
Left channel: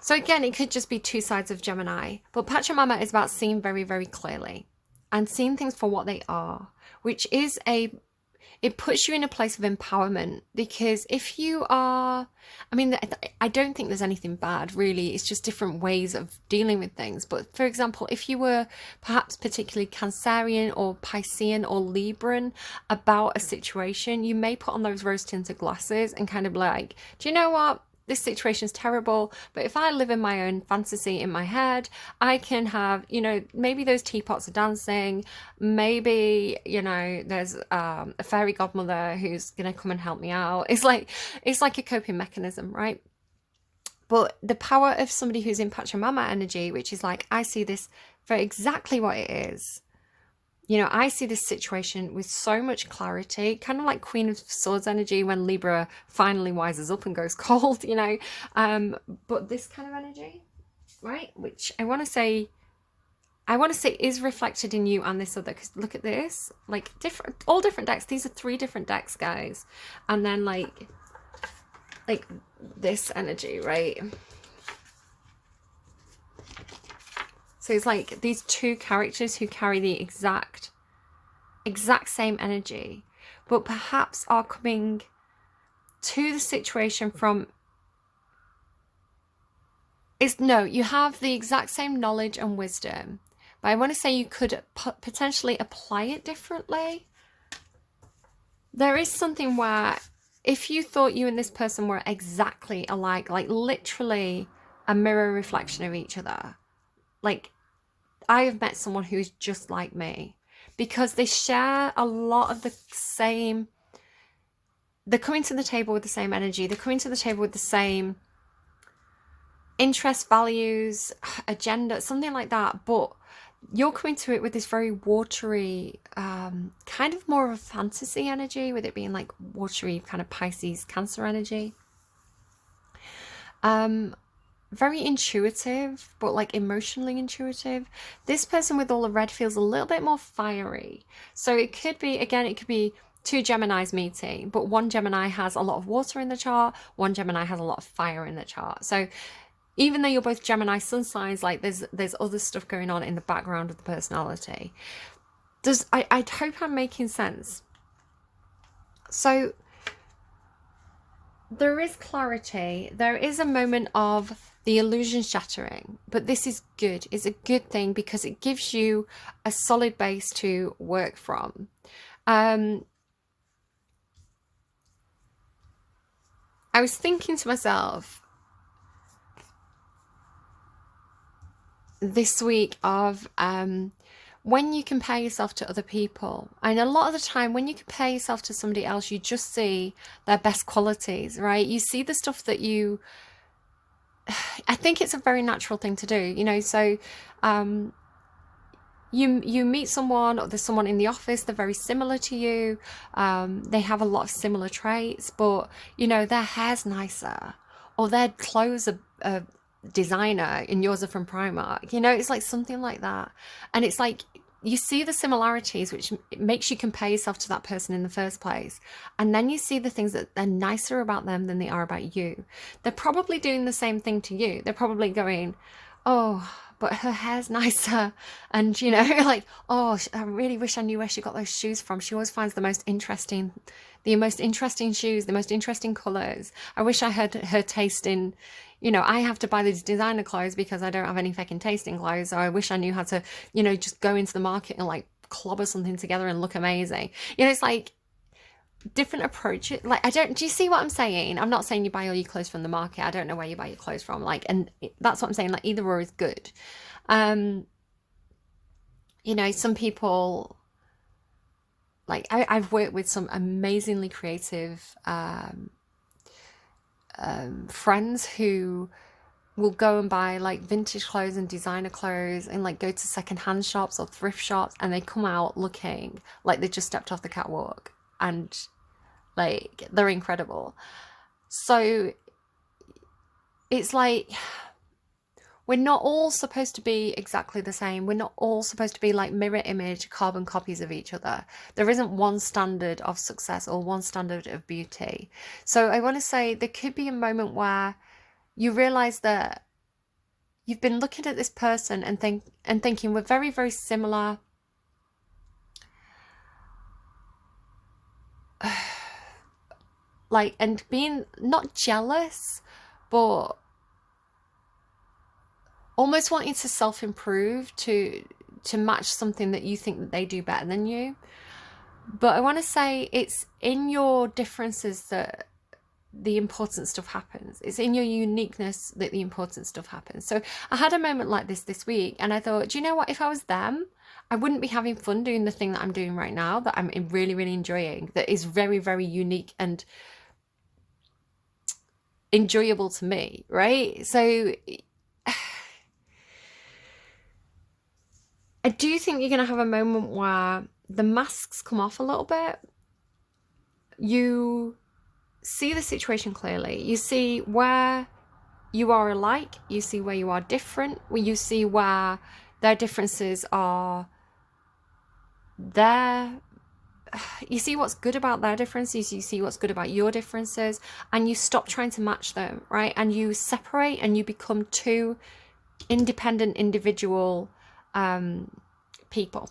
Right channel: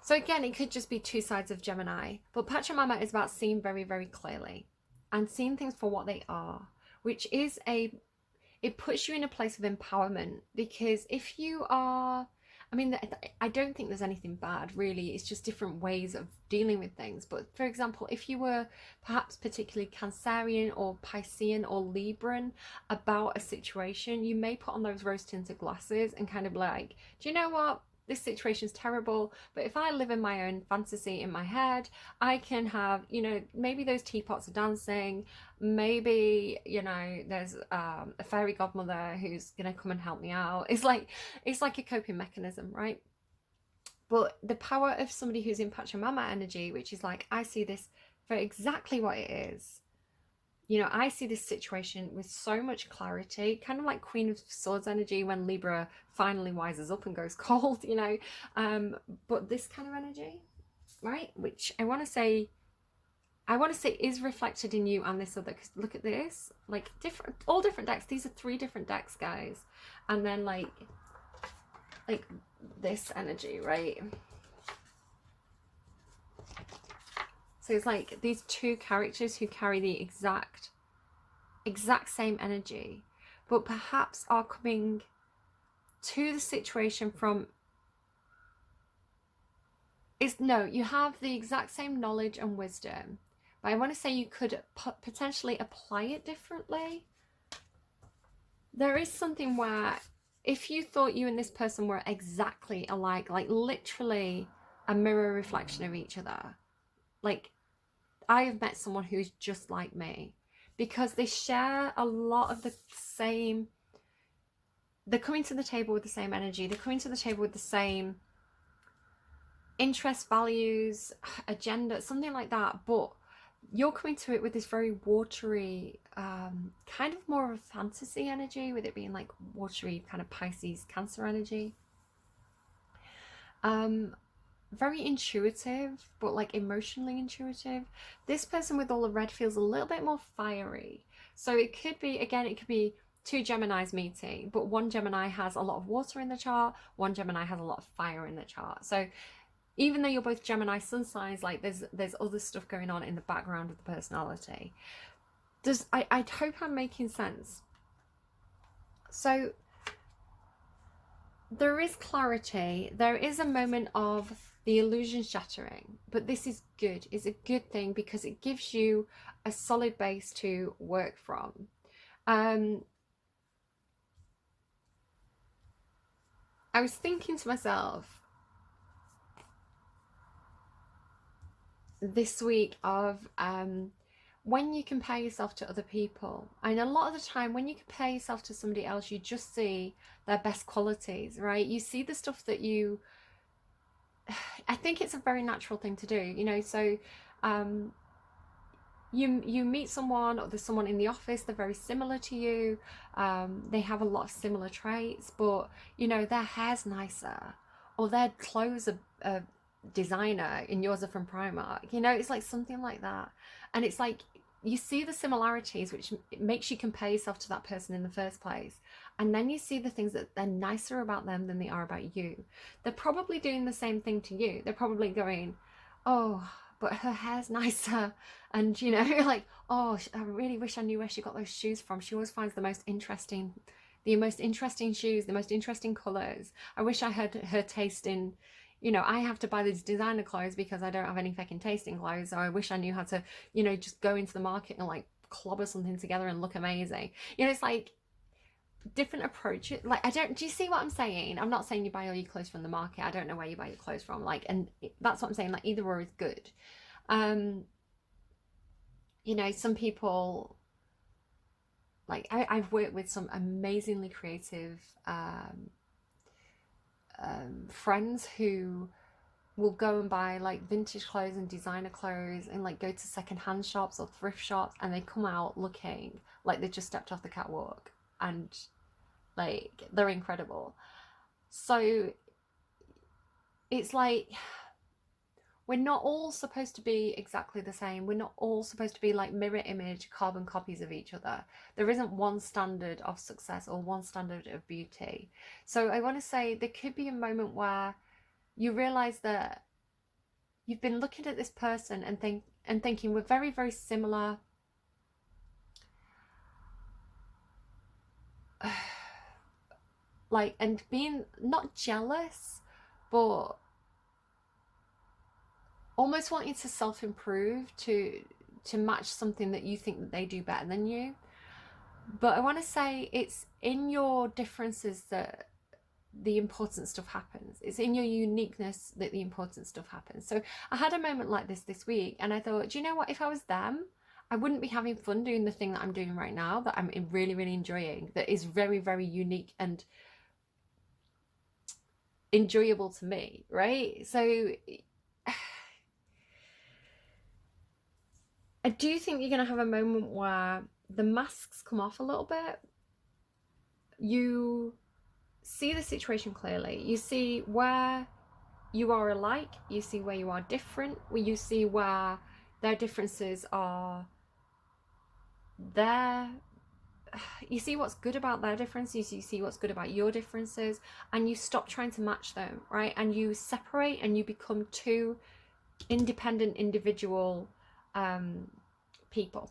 So again, it could just be 2 sides of Gemini. But Pachamama is about seeing very, very clearly and seeing things for what they are, which is it puts you in a place of empowerment. Because if you are, I mean, I don't think there's anything bad, really. It's just different ways of dealing with things. But for example, if you were perhaps particularly Cancerian or Piscean or Libran about a situation, you may put on those rose-tinted glasses and kind of like, do you know what? This situation is terrible, but if I live in my own fantasy in my head, I can have, you know, maybe those teapots are dancing, maybe, you know, there's a fairy godmother who's gonna come and help me out. It's like a coping mechanism, right? But the power of somebody who's in Pachamama energy, which is like, I see this for exactly what it is. You know, I see this situation with so much clarity, kind of like Queen of Swords energy when Libra finally wises up and goes cold, you know. But this kind of energy, right, which I want to say is reflected in you and this other, because look at this, like all different decks. These are 3 different decks, guys. And then like this energy, right? So it's like these 2 characters who carry the exact same energy, but perhaps are coming to the situation from, you have the exact same knowledge and wisdom, but I want to say you could potentially apply it differently. There is something where if you thought you and this person were exactly alike, like literally a mirror reflection of each other, like I have met someone who is just like me, because they share a lot of the same, they're coming to the table with the same energy, they're coming to the table with the same interest, values, agenda, something like that, but you're coming to it with this very watery, kind of more of a fantasy energy, with it being like watery kind of Pisces Cancer energy. Very intuitive, but like emotionally intuitive. This person with all the red feels a little bit more fiery. So it could be, again, it could be two Geminis meeting, but one Gemini has a lot of water in the chart, one Gemini has a lot of fire in the chart. So even though you're both Gemini sun signs, like there's other stuff going on in the background of the personality. I hope I'm making sense. So there is clarity, there is a moment of the illusion shattering, but this is good. It's a good thing because it gives you a solid base to work from. I was thinking to myself this week of when you compare yourself to other people, and a lot of the time when you compare yourself to somebody else, you just see their best qualities, right? You see the stuff that you, I think it's a very natural thing to do, you know. So you meet someone, or there's someone in the office, they're very similar to you, they have a lot of similar traits, but you know, their hair's nicer, or their clothes are designer and yours are from Primark, you know. It's like something like that, and it's like you see the similarities, which makes you compare yourself to that person in the first place, and then you see the things that they're nicer about them than they are about you. They're probably doing the same thing to you. They're probably going, oh, but her hair's nicer, and you know, like, oh, I really wish I knew where she got those shoes from. She always finds the most interesting shoes, the most interesting colors. I wish I had her taste in, you know, I have to buy these designer clothes because I don't have any fucking taste in clothes. So I wish I knew how to, you know, just go into the market and like clobber something together and look amazing. You know, it's like different approach. Like, do you see what I'm saying? I'm not saying you buy all your clothes from the market. I don't know where you buy your clothes from. Like, and that's what I'm saying. Like, either or is good. You know, some people, like I've worked with some amazingly creative friends who will go and buy like vintage clothes and designer clothes and like go to secondhand shops or thrift shops, and they come out looking like they just stepped off the catwalk, and like they're incredible. So it's like we're not all supposed to be exactly the same. We're not all supposed to be like mirror image carbon copies of each other. There isn't one standard of success or one standard of beauty. So I want to say there could be a moment where you realize that you've been looking at this person and thinking we're very, very similar. Like, and being not jealous, but almost wanting to self-improve to match something that you think that they do better than you. But I want to say it's in your differences that the important stuff happens. It's in your uniqueness that the important stuff happens. So I had a moment like this week, and I thought, do you know what? If I was them, I wouldn't be having fun doing the thing that I'm doing right now, that I'm really, really enjoying, that is very, very unique and enjoyable to me, right? So I do think you're going to have a moment where the masks come off a little bit. You see the situation clearly. You see where you are alike. You see where you are different. You see where their differences are there. You see what's good about their differences. You see what's good about your differences. And you stop trying to match them, right? And you separate and you become two independent individual people.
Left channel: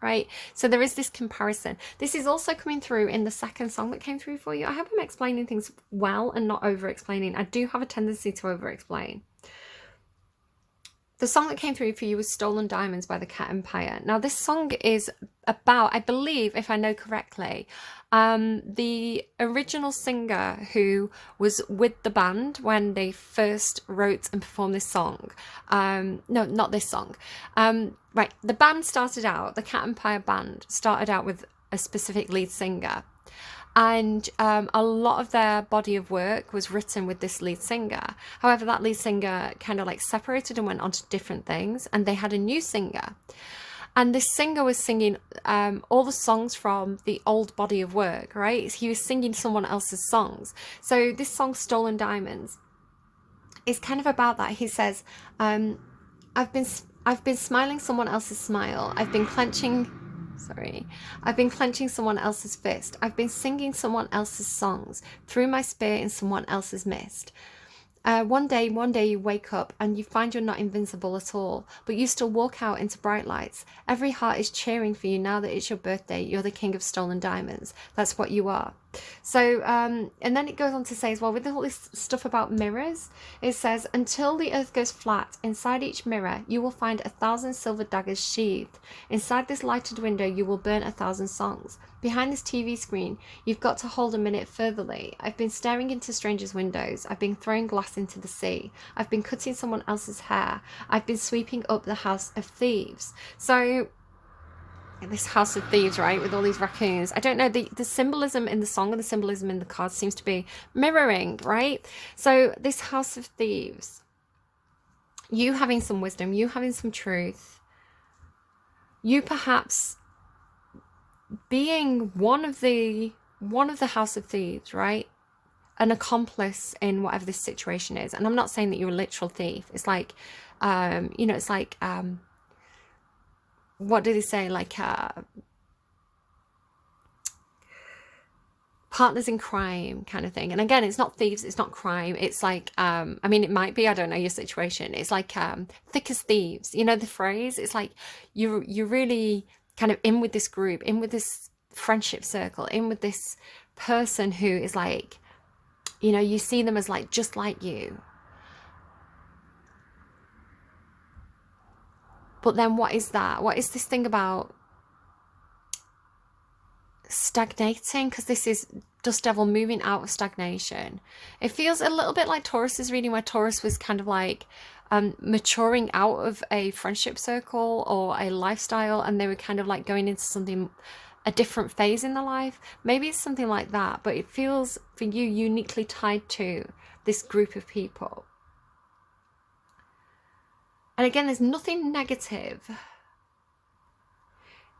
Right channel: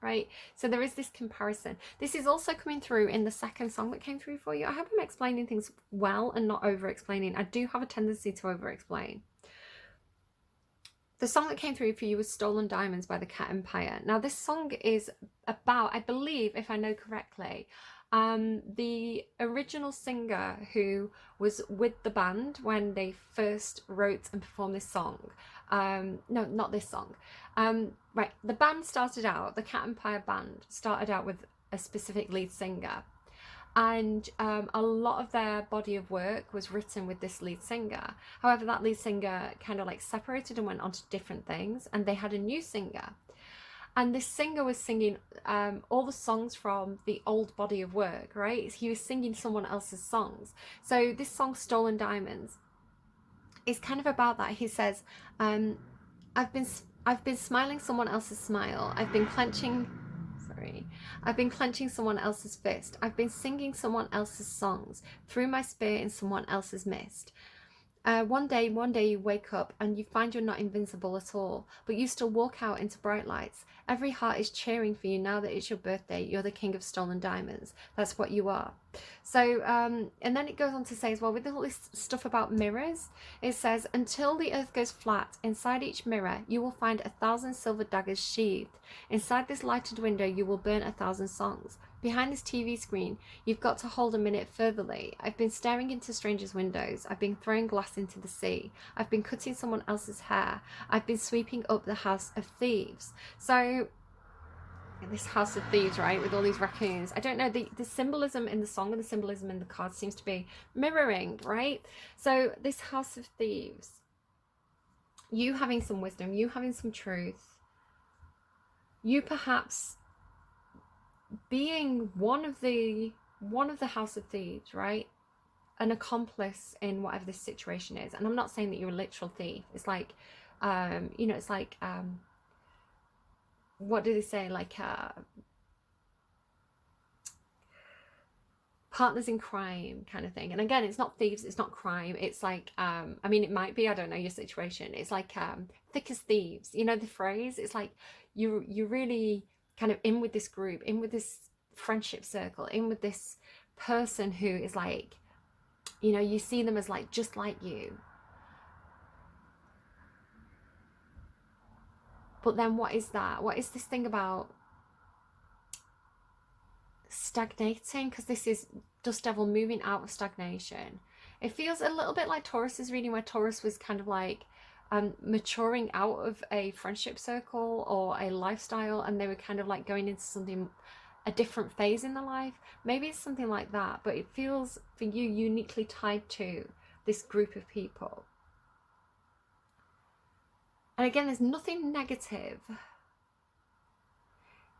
Right? So there is this comparison. This is also coming through in the second song that came through for you. I hope I'm explaining things well and not over explaining. I do have a tendency to over explain. The song that came through for you was Stolen Diamonds by the Cat Empire. Now, this song is about, I believe, if I know correctly, the original singer who was with the band when they first wrote and performed this song. No, not this song. Right, the band started out, the Cat Empire band started out with a specific lead singer. And a lot of their body of work was written with this lead singer. However, that lead singer kind of like separated and went on to different things, and they had a new singer. And this singer was singing all the songs from the old body of work, right? He was singing someone else's songs. So this song, Stolen Diamonds, is kind of about that. He says, I've been smiling someone else's smile. I've been clenching someone else's fist. I've been singing someone else's songs, threw my spear in someone else's mist. One day you wake up and you find you're not invincible at all, but you still walk out into bright lights. Every heart is cheering for you now that it's your birthday. You're the king of stolen diamonds. That's what you are. So, and then it goes on to say as well, with all this stuff about mirrors, it says, until the earth goes flat, inside each mirror, you will find 1,000 silver daggers sheathed. Inside this lighted window, you will burn 1,000 songs. Behind this TV screen, you've got to hold a minute furtherly. I've been staring into strangers' windows. I've been throwing glass into the sea. I've been cutting someone else's hair. I've been sweeping up the house of thieves. So, this house of thieves, right, with all these raccoons. I don't know, the symbolism in the song and the symbolism in the cards seems to be mirroring, right? So, this house of thieves, you having some wisdom, you having some truth, you perhaps being one of the house of thieves, right? An accomplice in whatever this situation is. And I'm not saying that you're a literal thief. It's like, it's like, what do they say? Like, partners in crime kind of thing. And again, it's not thieves, it's not crime. It's like, I mean, it might be, I don't know your situation. It's like, thick as thieves, you know, the phrase. It's like, you're really kind of in with this group, in with this friendship circle, in with this person who is like, you know, you see them as like just like you. But then what is that? What is this thing about stagnating? Because this is Dust Devil moving out of stagnation. It feels a little bit like Taurus's reading, where Taurus was kind of like maturing out of a friendship circle or a lifestyle, and they were kind of like going into something, a different phase in their life. Maybe it's something like that, but it feels for you uniquely tied to this group of people. And again, there's nothing negative.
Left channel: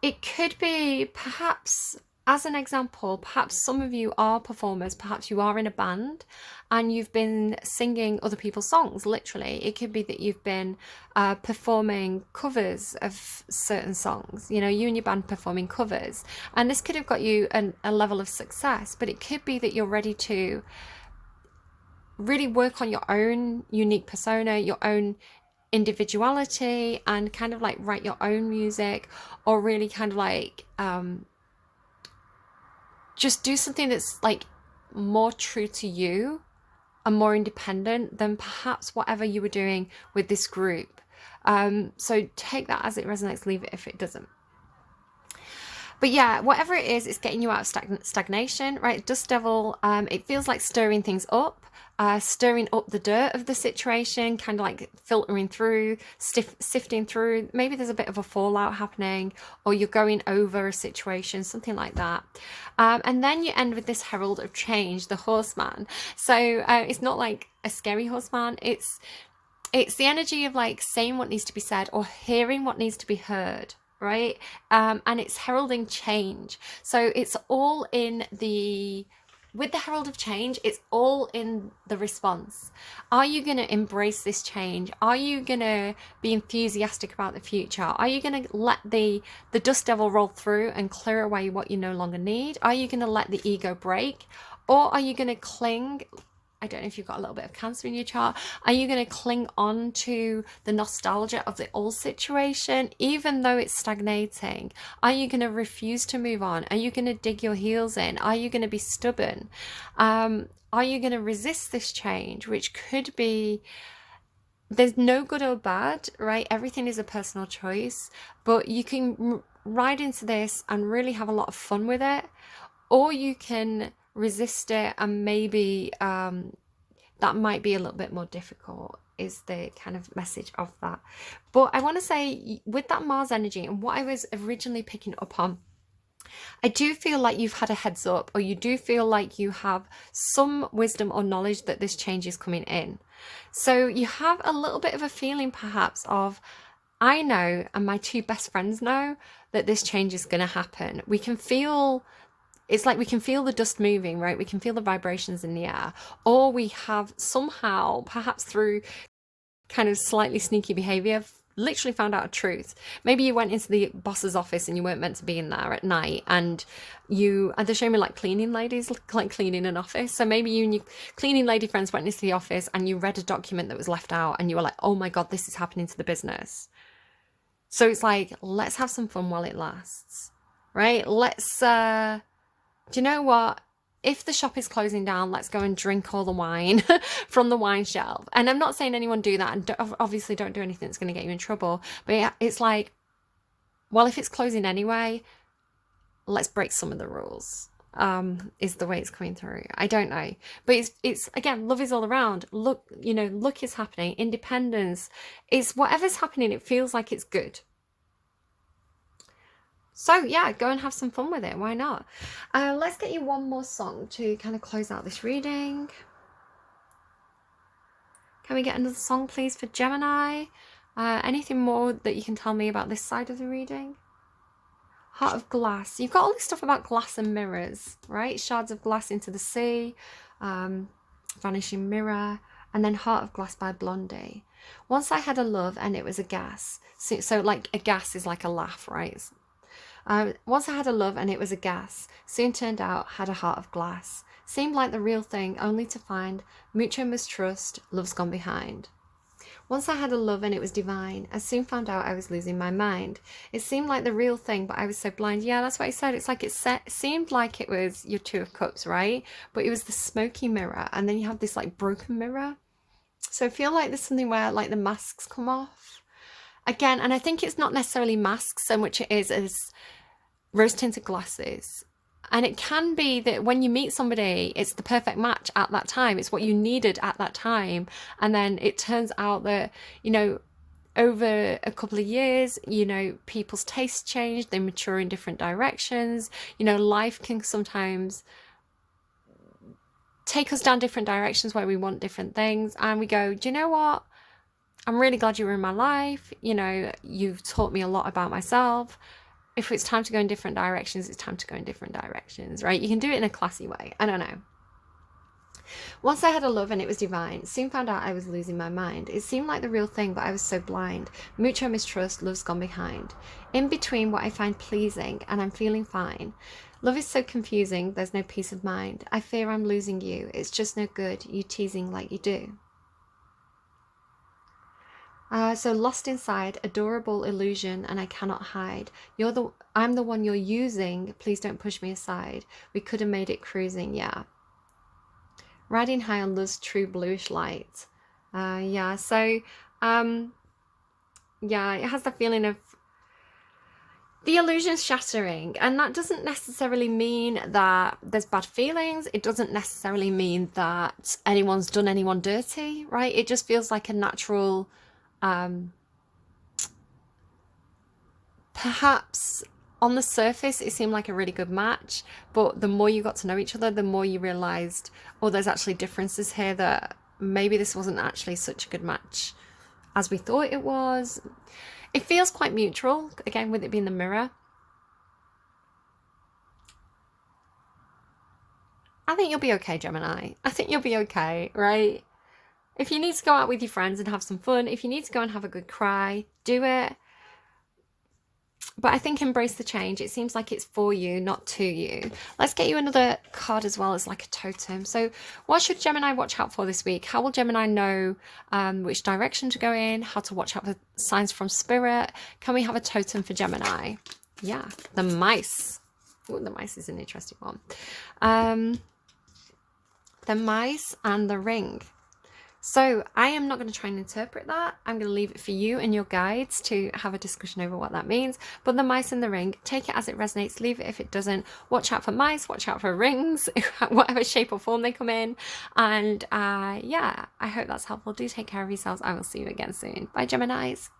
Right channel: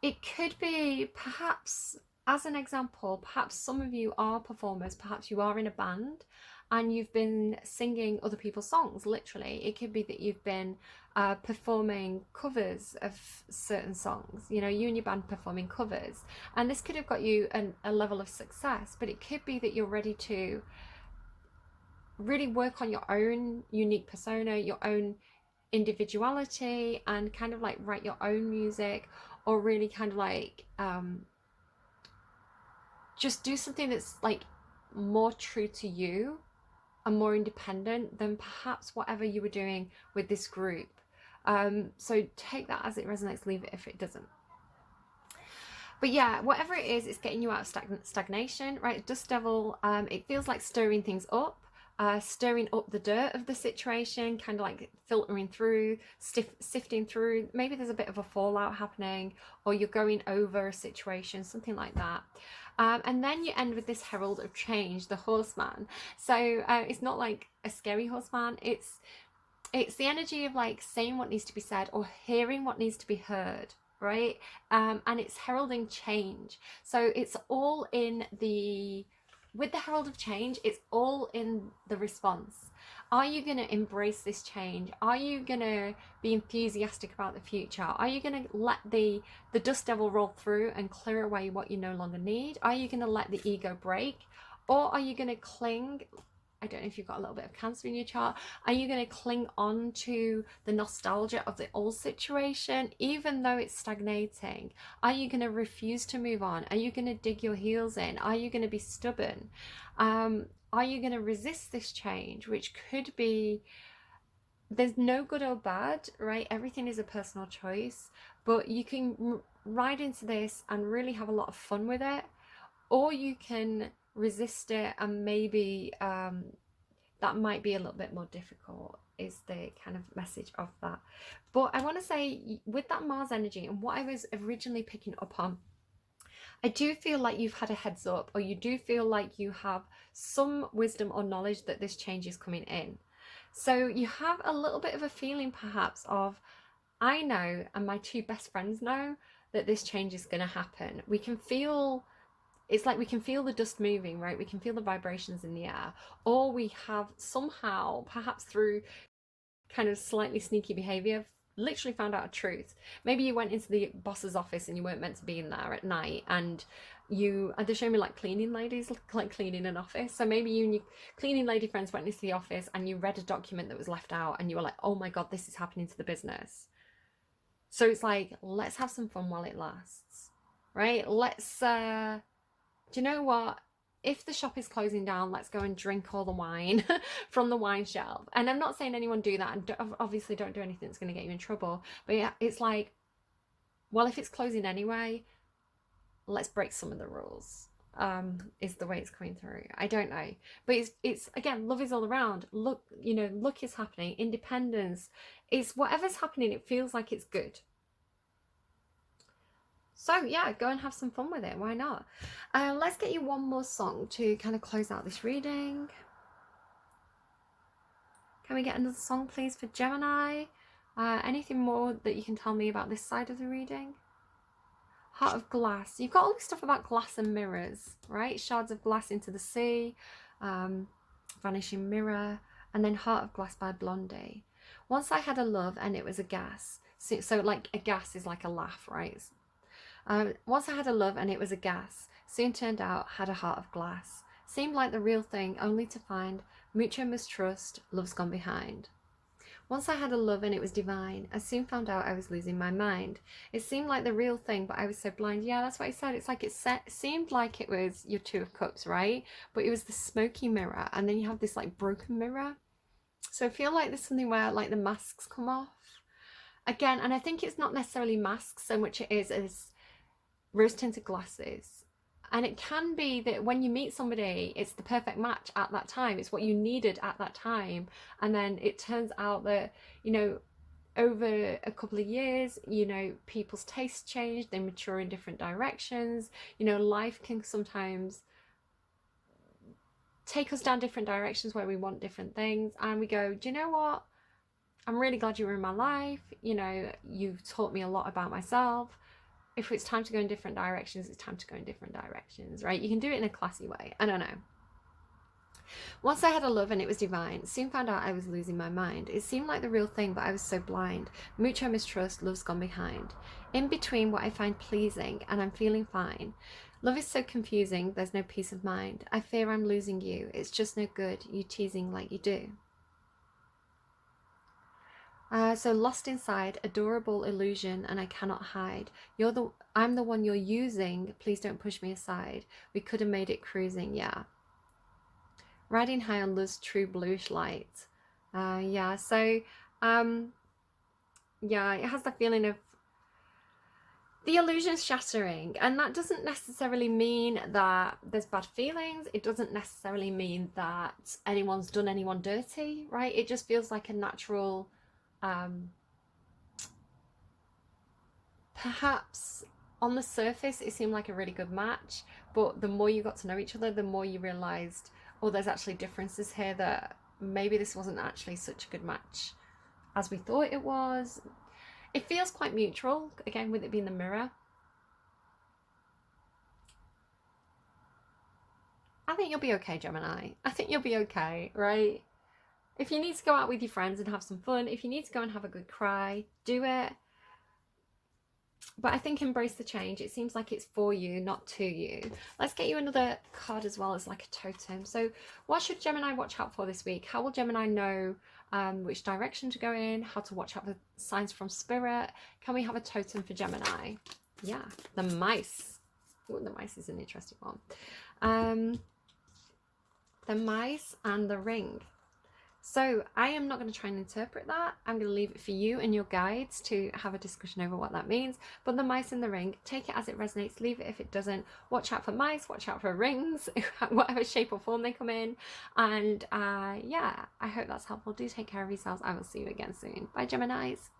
It could be, perhaps, as an example, perhaps some of you are performers, perhaps you are in a band and you've been singing other people's songs, literally. It could be that you've been performing covers of certain songs, you know, you and your band performing covers. And this could have got you a level of success, but it could be that you're ready to really work on your own unique persona, your own individuality, and kind of like write your own music, or really kind of like just do something that's like more true to you and more independent than perhaps whatever you were doing with this group. So take that as it resonates, leave it if it doesn't. But yeah, whatever it is, it's getting you out of stagnation, right? Dust Devil, it feels like stirring things up. Stirring up the dirt of the situation, kind of like filtering through, sifting through. Maybe there's a bit of a fallout happening, or you're going over a situation, something like that. And then you end with this herald of change, the horseman. So it's not like a scary horseman. It's the energy of like saying what needs to be said or hearing what needs to be heard, right? And it's heralding change. So it's all in with the herald of change, it's all in the response. Are you going to embrace this change? Are you going to be enthusiastic about the future? Are you going to let the dust devil roll through and clear away what you no longer need? Are you going to let the ego break? Or are you going to cling? I don't know if you've got a little bit of Cancer in your chart. Are you going to cling on to the nostalgia of the old situation, even though it's stagnating? Are you going to refuse to move on? Are you going to dig your heels in? Are you going to be stubborn? Are you going to resist this change, which could be there's no good or bad, right? Everything is a personal choice, but you can ride into this and really have a lot of fun with it, or you can resist it and maybe that might be a little bit more difficult, is the kind of message of that. But I want to say, with that Mars energy and what I was originally picking up on, I do feel like you've had a heads up, or you do feel like you have some wisdom or knowledge that this change is coming in. So you have a little bit of a feeling perhaps of, I know and my two best friends know that this change is going to happen. We can feel, it's like we can feel the dust moving, right? We can feel the vibrations in the air, or we have somehow, perhaps through kind of slightly sneaky behavior, literally found out a truth. Maybe you went into the boss's office and you weren't meant to be in there at night, and they're showing me like cleaning ladies, like cleaning an office. So maybe you and your cleaning lady friends went into the office and you read a document that was left out and you were like, oh my God, this is happening to the business. So it's like, let's have some fun while it lasts, right? Let's, do you know what? If the shop is closing down, let's go and drink all the wine from the wine shelf. And I'm not saying anyone do that, and obviously don't do anything that's going to get you in trouble. But it's like, well, if it's closing anyway, let's break some of the rules. Is the way it's coming through. I don't know, but it's again, love is all around. Look, luck is happening. Independence. It's whatever's happening. It feels like it's good. So yeah, go and have some fun with it. Why not? Let's get you one more song to kind of close out this reading. Can we get another song, please, for Gemini? Anything more that you can tell me about this side of the reading? Heart of Glass. You've got all this stuff about glass and mirrors, right? Shards of glass into the sea, vanishing mirror, and then Heart of Glass by Blondie. Once I had a love and it was a gas. So like a gas is like a laugh, right? Once I had a love and it was a gas, soon turned out had a heart of glass. Seemed like the real thing, only to find mutual mistrust, love's gone behind. Once I had a love and it was divine, I soon found out I was losing my mind. It seemed like the real thing, but I was so blind. Yeah, that's what he said. It's like it seemed like it was your Two of Cups, right? But it was the smoky mirror, and then you have this like broken mirror. So I feel like there's something where like the masks come off. Again, and I think it's not necessarily masks so much it is as rose tinted glasses. And it can be that when you meet somebody, it's the perfect match at that time. It's what you needed at that time. And then it turns out that, over a couple of years, people's tastes change, they mature in different directions. Life can sometimes take us down different directions where we want different things. And we go, do you know what? I'm really glad you were in my life. You've taught me a lot about myself. If it's time to go in different directions, it's time to go in different directions, right? You can do it in a classy way. I don't know. Once I had a love and it was divine, soon found out I was losing my mind. It seemed like the real thing, but I was so blind. Mutual mistrust, love's gone behind. In between what I find pleasing and I'm feeling fine. Love is so confusing, there's no peace of mind. I fear I'm losing you, it's just no good, you teasing like you do. So lost inside, adorable illusion, and I cannot hide. I'm the one you're using. Please don't push me aside. We could have made it cruising, yeah. Riding high on love's true bluish light. Yeah. So, yeah, it has the feeling of the illusion's shattering, and that doesn't necessarily mean that there's bad feelings. It doesn't necessarily mean that anyone's done anyone dirty, right? It just feels like a natural. Perhaps on the surface it seemed like a really good match, but the more you got to know each other, the more you realized, oh, there's actually differences here, that maybe this wasn't actually such a good match as we thought it was. It feels quite mutual, again, with it being the mirror. I think you'll be okay, Gemini. I think you'll be okay, right? If you need to go out with your friends and have some fun, if you need to go and have a good cry, do it. But I think embrace the change. It seems like it's for you, not to you. Let's get you another card as well as like a totem. So what should Gemini watch out for this week? How will Gemini know which direction to go in? How to watch out for signs from spirit? Can we have a totem for Gemini? Yeah, the mice. Ooh, the mice is an interesting one. The mice and the ring. So I am not going to try and interpret that. I'm going to leave it for you and your guides to have a discussion over what that means. But the mice in the ring, take it as it resonates, leave it if it doesn't. Watch out for mice, watch out for rings, whatever shape or form they come in. And yeah, I hope that's helpful. Do take care of yourselves. I will see you again soon. Bye, Geminis.